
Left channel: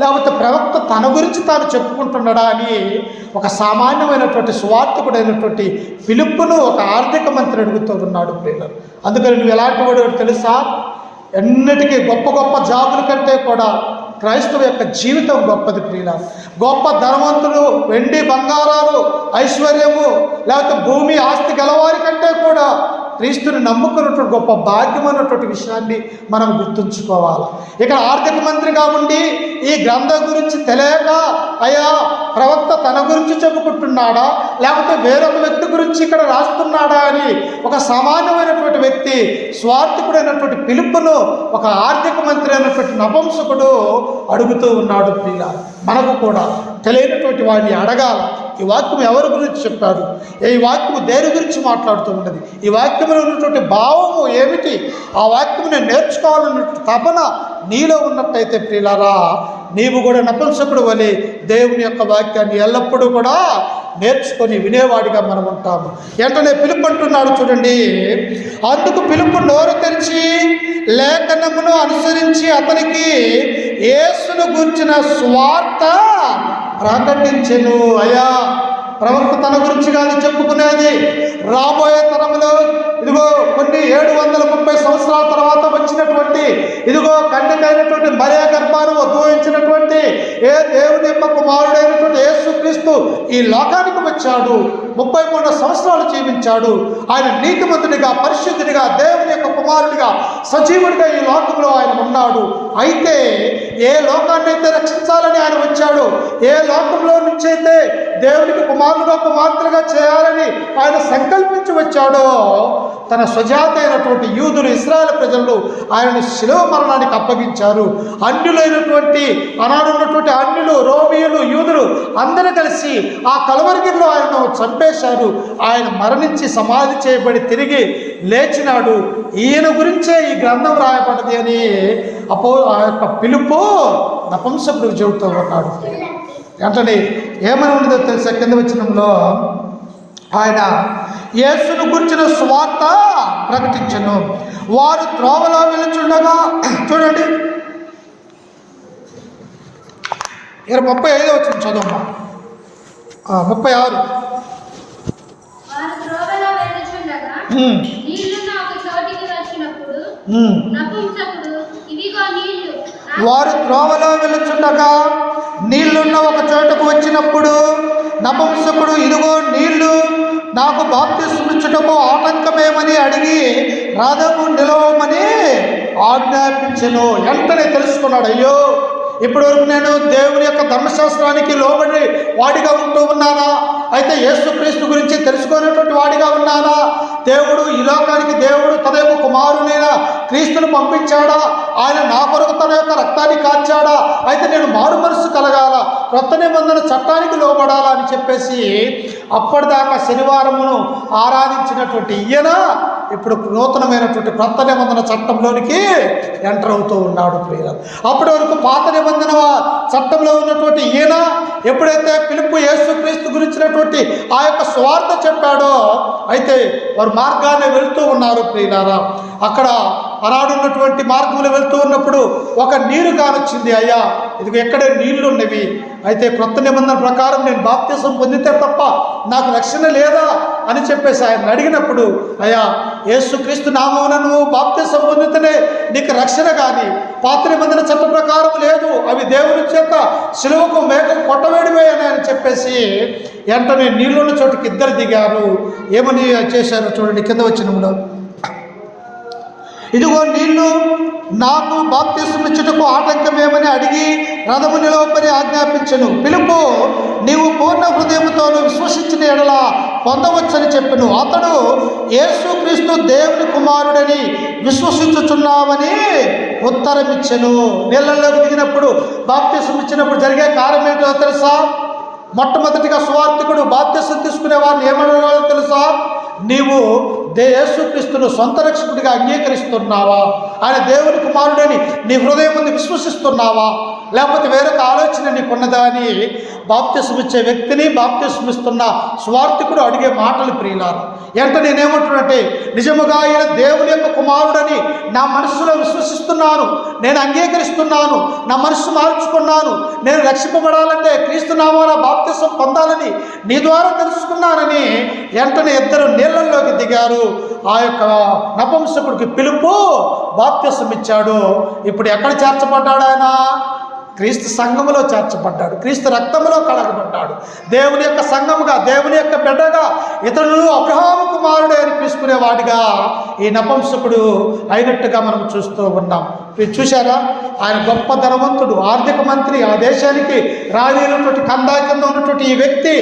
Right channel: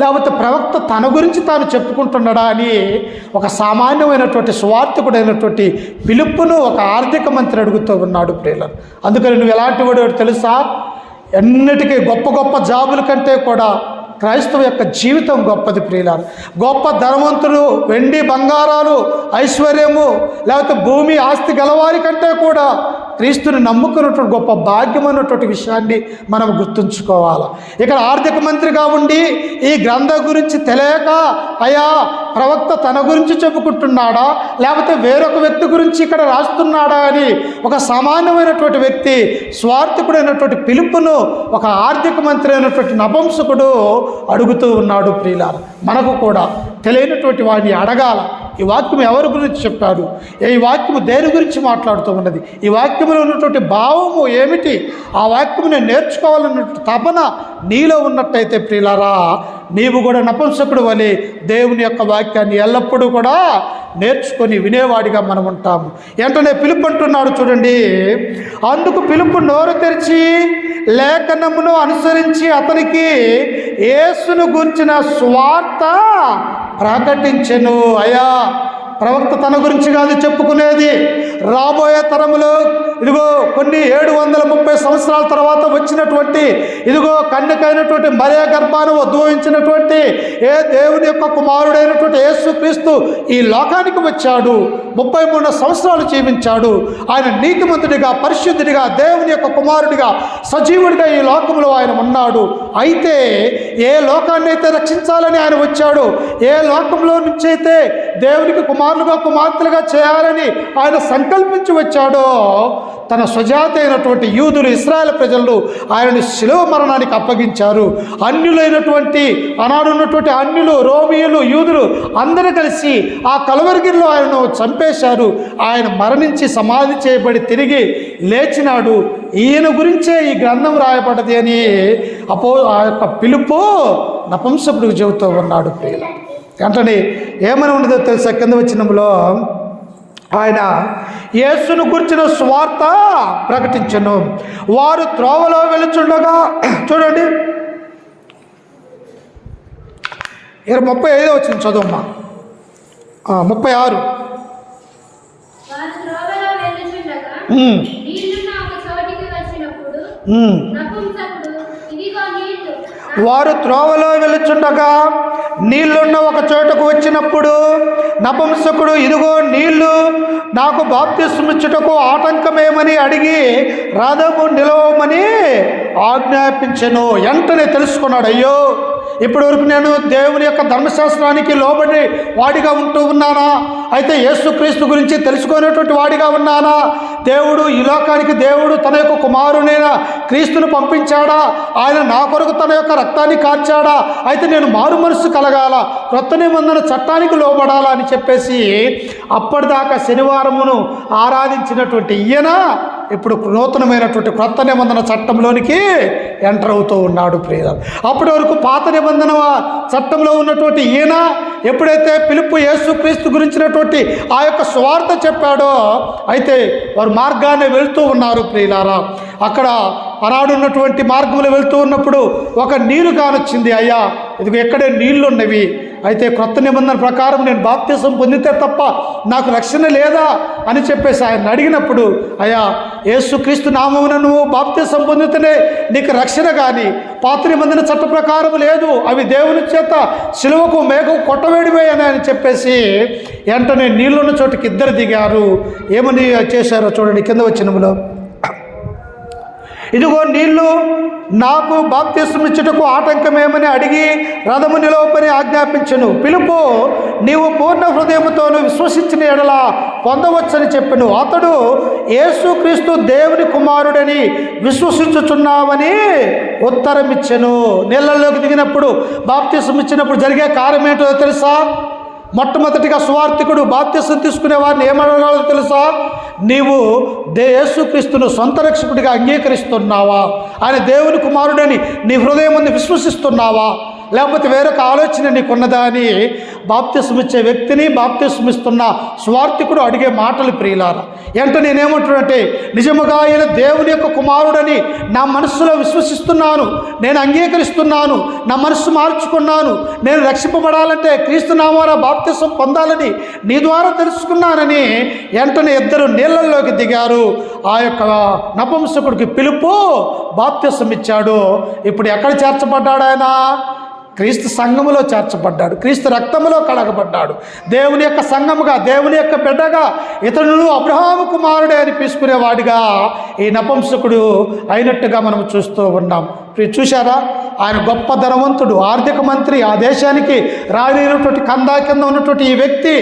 లేకపోతే ప్రవక్త తన గురించి తాను చెప్పుకుంటున్నాడా అని ఒక సామాన్యమైనటువంటి సువార్థకుడైనటువంటి పిలుపును ఒక ఆర్థిక మంత్రి అడుగుతూ ఉన్నాడు ప్రియులారా. అందుకని నువ్వు ఎలాంటి వాడు తెలుసా? ఎన్నిటికీ గొప్ప గొప్ప జాబుల కంటే కూడా క్రైస్తవ యొక్క జీవితం గొప్పది ప్రియులారా. గొప్ప ధనవంతులు, వెండి బంగారాలు, ఐశ్వర్యము, లేకపోతే భూమి ఆస్తి గలవారి కంటే కూడా క్రీస్తుని నమ్ముకున్నటువంటి గొప్ప భాగ్యం అన్నటువంటి విషయాన్ని మనం గుర్తుంచుకోవాలి. ఇక్కడ ఆర్థిక మంత్రిగా ఉండి ఈ గ్రంథం గురించి తెలియక అయ్యా ప్రవక్త తన గురించి చెప్పుకుంటున్నాడా, లేకపోతే వేరొక వ్యక్తి గురించి ఇక్కడ రాస్తున్నాడా అని ఒక సామాన్యమైనటువంటి వ్యక్తి, స్వార్థకుడైనటువంటి పిలుపును ఒక ఆర్థిక మంత్రి అయినటువంటి నపుంసకుడు అడుగుతూ ఉన్నాడు ప్రియులారా. మనకు కూడా తెలియనటువంటి వాడిని అడగాల. ఈ వాక్యం ఎవరి గురించి చెప్పారు? ఈ వాక్యము దేని గురించి మాట్లాడుతూ ఉన్నది? ఈ వాక్యంలో ఉన్నటువంటి భావము ఏమిటి? ఆ వాక్యముని నేర్చుకోవాలన్నటువంటి తపన నీలో ఉన్నట్టయితే ప్రియులారా, నీవు కూడా నపుంసకుడు వలె దేవుని యొక్క వాక్యాన్ని ఎల్లప్పుడూ కూడా నేర్చుకొని వినేవాడిగా మనం ఉంటాము. వెంటనే పిలుపు అంటున్నాడు చూడండి. అందుకు పిలుపు నోరు తెరిచి లేఖనమును అనుసరించి అతనికి యేసును గురించిన సువార్త ప్రకటించెను. అయ్యా, ప్రవక్త తన గురించి కాదు చెప్పుకునేది, రాబోయే తరములో ఇదిగో కొన్ని 730 సంవత్సరాల తర్వాత వచ్చినటువంటి ఇదిగో కన్యకైనటువంటి మరియ గర్భాన ఉద్భవించినటువంటి దేవుని యొక్క కుమారుడైనటువంటి యేసుక్రీస్తు ఈ లోకానికి వచ్చాడు. 33 సంవత్సరాలు జీవించాడు. ఆయన నీతిమంతుడిగా, పరిశుద్ధుడిగా, దేవుని యొక్క కుమారుడిగా, సజీవుడిగా ఈ లోకంలో ఆయన ఉన్నాడు. అయితే ఏ లోకాన్ని అయితే రక్షించాలని ఆయన వచ్చాడు, ఏ లోకంలో నుంచి అయితే దేవునికి కుమారులుగా కుమార్తెలుగా చేయాలని ఆయన సంకల్పించి వచ్చాడో, తన స్వజాత అయినటువంటి యూదులు, ఇశ్రాయేల్ ప్రజలు ఆయనను శిలువ మరణానికి అప్పగించారు. అన్యులైనటువంటి ఆనాడున్నటువంటి అన్యులు, రోమియులు, యూదులు అందరూ కలిసి ఆ కలవరిగిరిలో ఆయనను చంపేశారు. ఆయన మరణించి సమాధి చేయబడి తిరిగి లేచినాడు. ఈయన గురించే ఈ గ్రంథం రాయబడ్డది అని ఆ యొక్క పిలుపు నపుంసకుడికి చెబుతూ ఉన్నాడు ప్రియుల. వెంటనే ఏమని ఉండదో తెలుసా? కింద వచనంలో ఆయన యేసును గురించిన సువార్త ప్రకటించెను. వారు త్రోవలో వెళుచుండగా, చూడండి 35 వచ్చిన చదువమ్మా, 36. వారు త్రోవలో వెళుచుండగా నీళ్లున్న ఒక చోటకు వచ్చినప్పుడు నపుంసకుడు ఇదిగో నీళ్లు, నాకు బాప్తిస్మమిచ్చుటకు ఆటంకమేమని అడిగి రథము నిలవమని ఆజ్ఞాపించెను. వెంటనే తెలుసుకున్నాడు, అయ్యో ఇప్పటి వరకు నేను దేవుని యొక్క ధర్మశాస్త్రానికి లోబడి వాడిగా ఉంటూ ఉన్నానా? అయితే యేసుక్రీస్తు గురించి తెలుసుకునేటువంటి వాడిగా ఉన్నానా? దేవుడు ఈ లోకానికి దేవుడు తన యొక్క కుమారునైన క్రీస్తును పంపించాడా? ఆయన నా కొరకు తన యొక్క రక్తాన్ని కార్చాడా? అయితే నేను మారు మనస్సు కలగాల, క్రొత్త నిబంధన చట్టానికి లోబడాలా అని చెప్పేసి అప్పటిదాకా శనివారమును ఆరాధించినటువంటి ఈయన ఇప్పుడు నూతనమైనటువంటి క్రొత్త నిబంధన చట్టంలోనికి ఎంటర్ అవుతూ ఉన్నాడు ప్రియులారా. అప్పటి వరకు పాత నిబంధన చట్టంలో ఉన్నటువంటి ఈయన ఎప్పుడైతే పిలుపు యేసుక్రీస్తు గురించినటువంటి ఆ యొక్క స్వార్థ చెప్పాడో, అయితే వారు మార్గాన్ని వెళ్తూ ఉన్నారు ప్రియులారా. అక్కడ ఆనాడున్నటువంటి మార్గంలో వెళ్తూ ఉన్నప్పుడు ఒక నీరు కానొచ్చింది. అయ్యా, ఇదిగో ఎక్కడే నీళ్లు ఉన్నవి, అయితే క్రొత్త నిబంధన ప్రకారం నేను బాప్తిసం పొందితే తప్ప నాకు రక్షణ లేదా అని చెప్పేసి ఆయన అడిగినప్పుడు, అయ్యా, యేసుక్రీస్తు నామమున నువ్వు బాప్తిసం పొందితేనే నీకు రక్షణ, కానీ పాత నిబంధన చట్ట ప్రకారం లేదు, అవి దేవుని చేత సిలువకు మేఘం కొట్టవేడివే అని చెప్పేసి వెంటనే నీళ్ళున్న చోటుకి ఇద్దరు దిగారు. ఏమని చేశారో చూడండి కింద వచనములో, ఇదిగో నీళ్లు, నాకు బాప్తిసం ఇచ్చుటకు ఆటంకమేమని అడిగి రథము నిలవమని ఆజ్ఞాపించెను. పిలుపు, నీవు పూర్ణ హృదయముతోను విశ్వసించిన ఎడల పొందవచ్చని చెప్పెను. అతడు యేసుక్రీస్తు దేవుని కుమారుడని విశ్వసించుచున్నావని ఉత్తరం ఇచ్చెను. నీళ్ళలోకి దిగినప్పుడు బాప్తిసం ఇచ్చినప్పుడు జరిగే కార్యం ఏంటో తెలుసా? మొట్టమొదటిగా సువార్థికుడు బాప్తిసం తీసుకునే వారిని ఏమన్నారో తెలుసా? నీవు యేసుక్రీస్తును సొంత రక్షకుడిగా అంగీకరిస్తున్నావా? ఆయన దేవుని కుమారుడని నీ హృదయం ముందు విశ్వసిస్తున్నావా? లేకపోతే వేరొక ఆలోచన నీకున్నదా అని బాప్తిసం ఇచ్చే వ్యక్తిని, బాప్తిసం ఇస్తున్న స్వార్థికుడు అడిగే మాటలు ప్రియులారా. అంటే నేనేమంటున్నానంటే, నిజముగా ఆయన దేవుని యొక్క కుమారుడని నా మనస్సులో విశ్వసిస్తున్నాను, నేను అంగీకరిస్తున్నాను, నా మనస్సు మార్చుకున్నాను, నేను రక్షింపబడాలంటే క్రీస్తు నామాన బాప్తిసం పొందాలని నీ ద్వారా తెలుసుకున్నానని వెంటనే ఇద్దరు నీళ్ళల్లోకి దిగారు. ఆ యొక్క నపుంసకుడికి పిలుపు బాప్తిసం ఇచ్చాడు. ఇప్పుడు ఎక్కడ చేర్చబడ్డాడు ఆయన? క్రీస్తు సంఘములో చేర్చబడ్డాడు, క్రీస్తు రక్తములో కడగబడ్డాడు. దేవుని యొక్క సంఘముగా, దేవుని యొక్క బిడ్డగా, ఇతరులు అబ్రహాము కుమారుడే అని పిలుచుకునేవాడిగా ఈ నపుంసకుడు అయినట్టుగా మనం చూస్తూ ఉన్నాం. చూశారా? ఆయన గొప్ప ధనవంతుడు, ఆర్థిక మంత్రి, ఆ దేశానికి రాలేనటువంటి కందా కింద ఉన్నటువంటి ఈ వ్యక్తి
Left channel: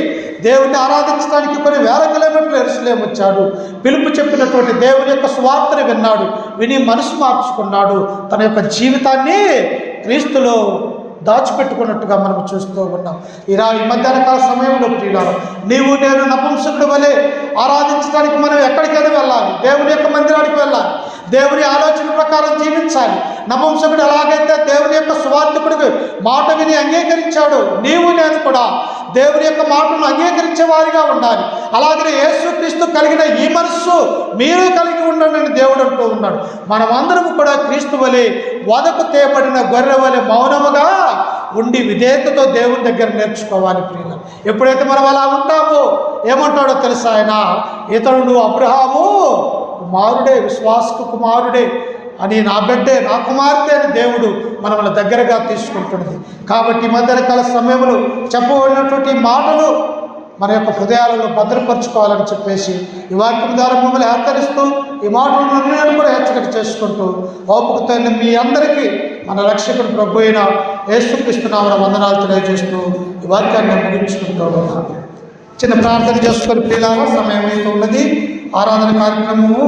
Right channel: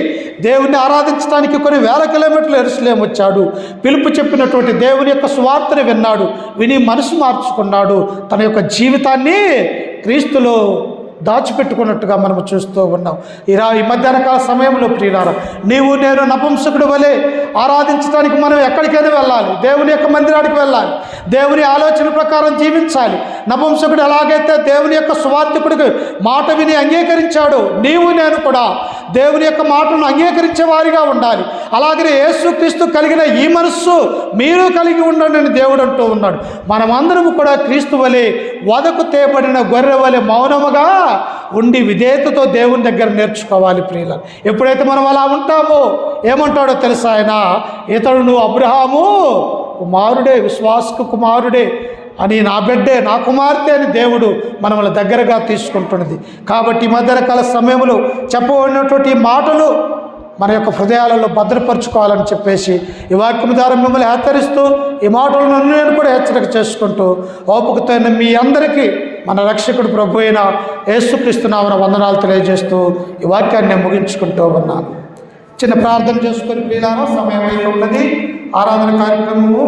దేవుణ్ణి ఆరాధించడానికి కొన్ని వేల కిలోమీటర్లు యెరూషలేము వచ్చాడు. పిలుపు చెప్పినటువంటి దేవుని యొక్క సువార్తను విన్నాడు, విని మనసు మార్చుకున్నాడు, తన యొక్క జీవితాన్ని క్రీస్తులో దాచిపెట్టుకున్నట్టుగా మనం చూస్తూ ఉన్నాం. ఈ మధ్యాహ్న కాల సమయంలో ప్రియులారా, నీవు నేను నపుంసకుడి వలె ఆరాధించడానికి మనం ఎక్కడికైనా వెళ్ళాలి, దేవుని యొక్క మందిరానికి వెళ్ళాలి, దేవుని ఆలోచన ప్రకారం జీవించాలి. నపుంసకుడు ఎలాగైతే దేవుని యొక్క సువార్థికుడికి మాట విని అంగీకరించాడు, నీవు నేను కూడా దేవుని యొక్క మాటను అంగీకరించే వారిగా ఉండాలి. అలాగనే యేసుక్రీస్తు కలిగిన ఈ మనస్సు మీరు కలిగి ఉండండి అని దేవుడు అంటూ ఉన్నాడు. మనమందరము కూడా క్రీస్తు వలె వదకు తేబడిన గొర్రె వలె మౌనముగా ఉండి విధేయతతో దేవుని దగ్గర నేర్చుకోవాలి ప్రియుల. ఎప్పుడైతే మనం అలా ఉంటామో ఏమంటాడో తెలుసా ఆయన? ఇతడు అబ్రహాము కుమారుడే, విశ్వాసకు కుమారుడే అని, నా బిడ్డే, నా కుమార్తె అని దేవుడు మనల్ని దగ్గరగా తీసుకుంటున్నది. కాబట్టి మధ్యకాల సమయంలో చెప్పబడినటువంటి మాటలు మన యొక్క హృదయాలలో భద్రపరుచుకోవాలని చెప్పేసి ఈ వాక్యం ద్వారా మిమ్మల్ని హెచ్చరిస్తూ, ఈ మాటలను నేను కూడా హెచ్చరిక చేసుకుంటూ, ఓపికతో మీ అందరికీ మన రక్షకుడు ప్రభు అయిన యేసుక్రీస్తు నామమున వందనాలు తెలియజేస్తూ ఈ వాక్యాన్ని ముగించుకుంటూ ఉన్నాను. చిన్న ప్రార్థన చేసుకొని ప్రియులారా, సమయం అయితే ఉన్నది. ఆరాధన కార్యక్రమము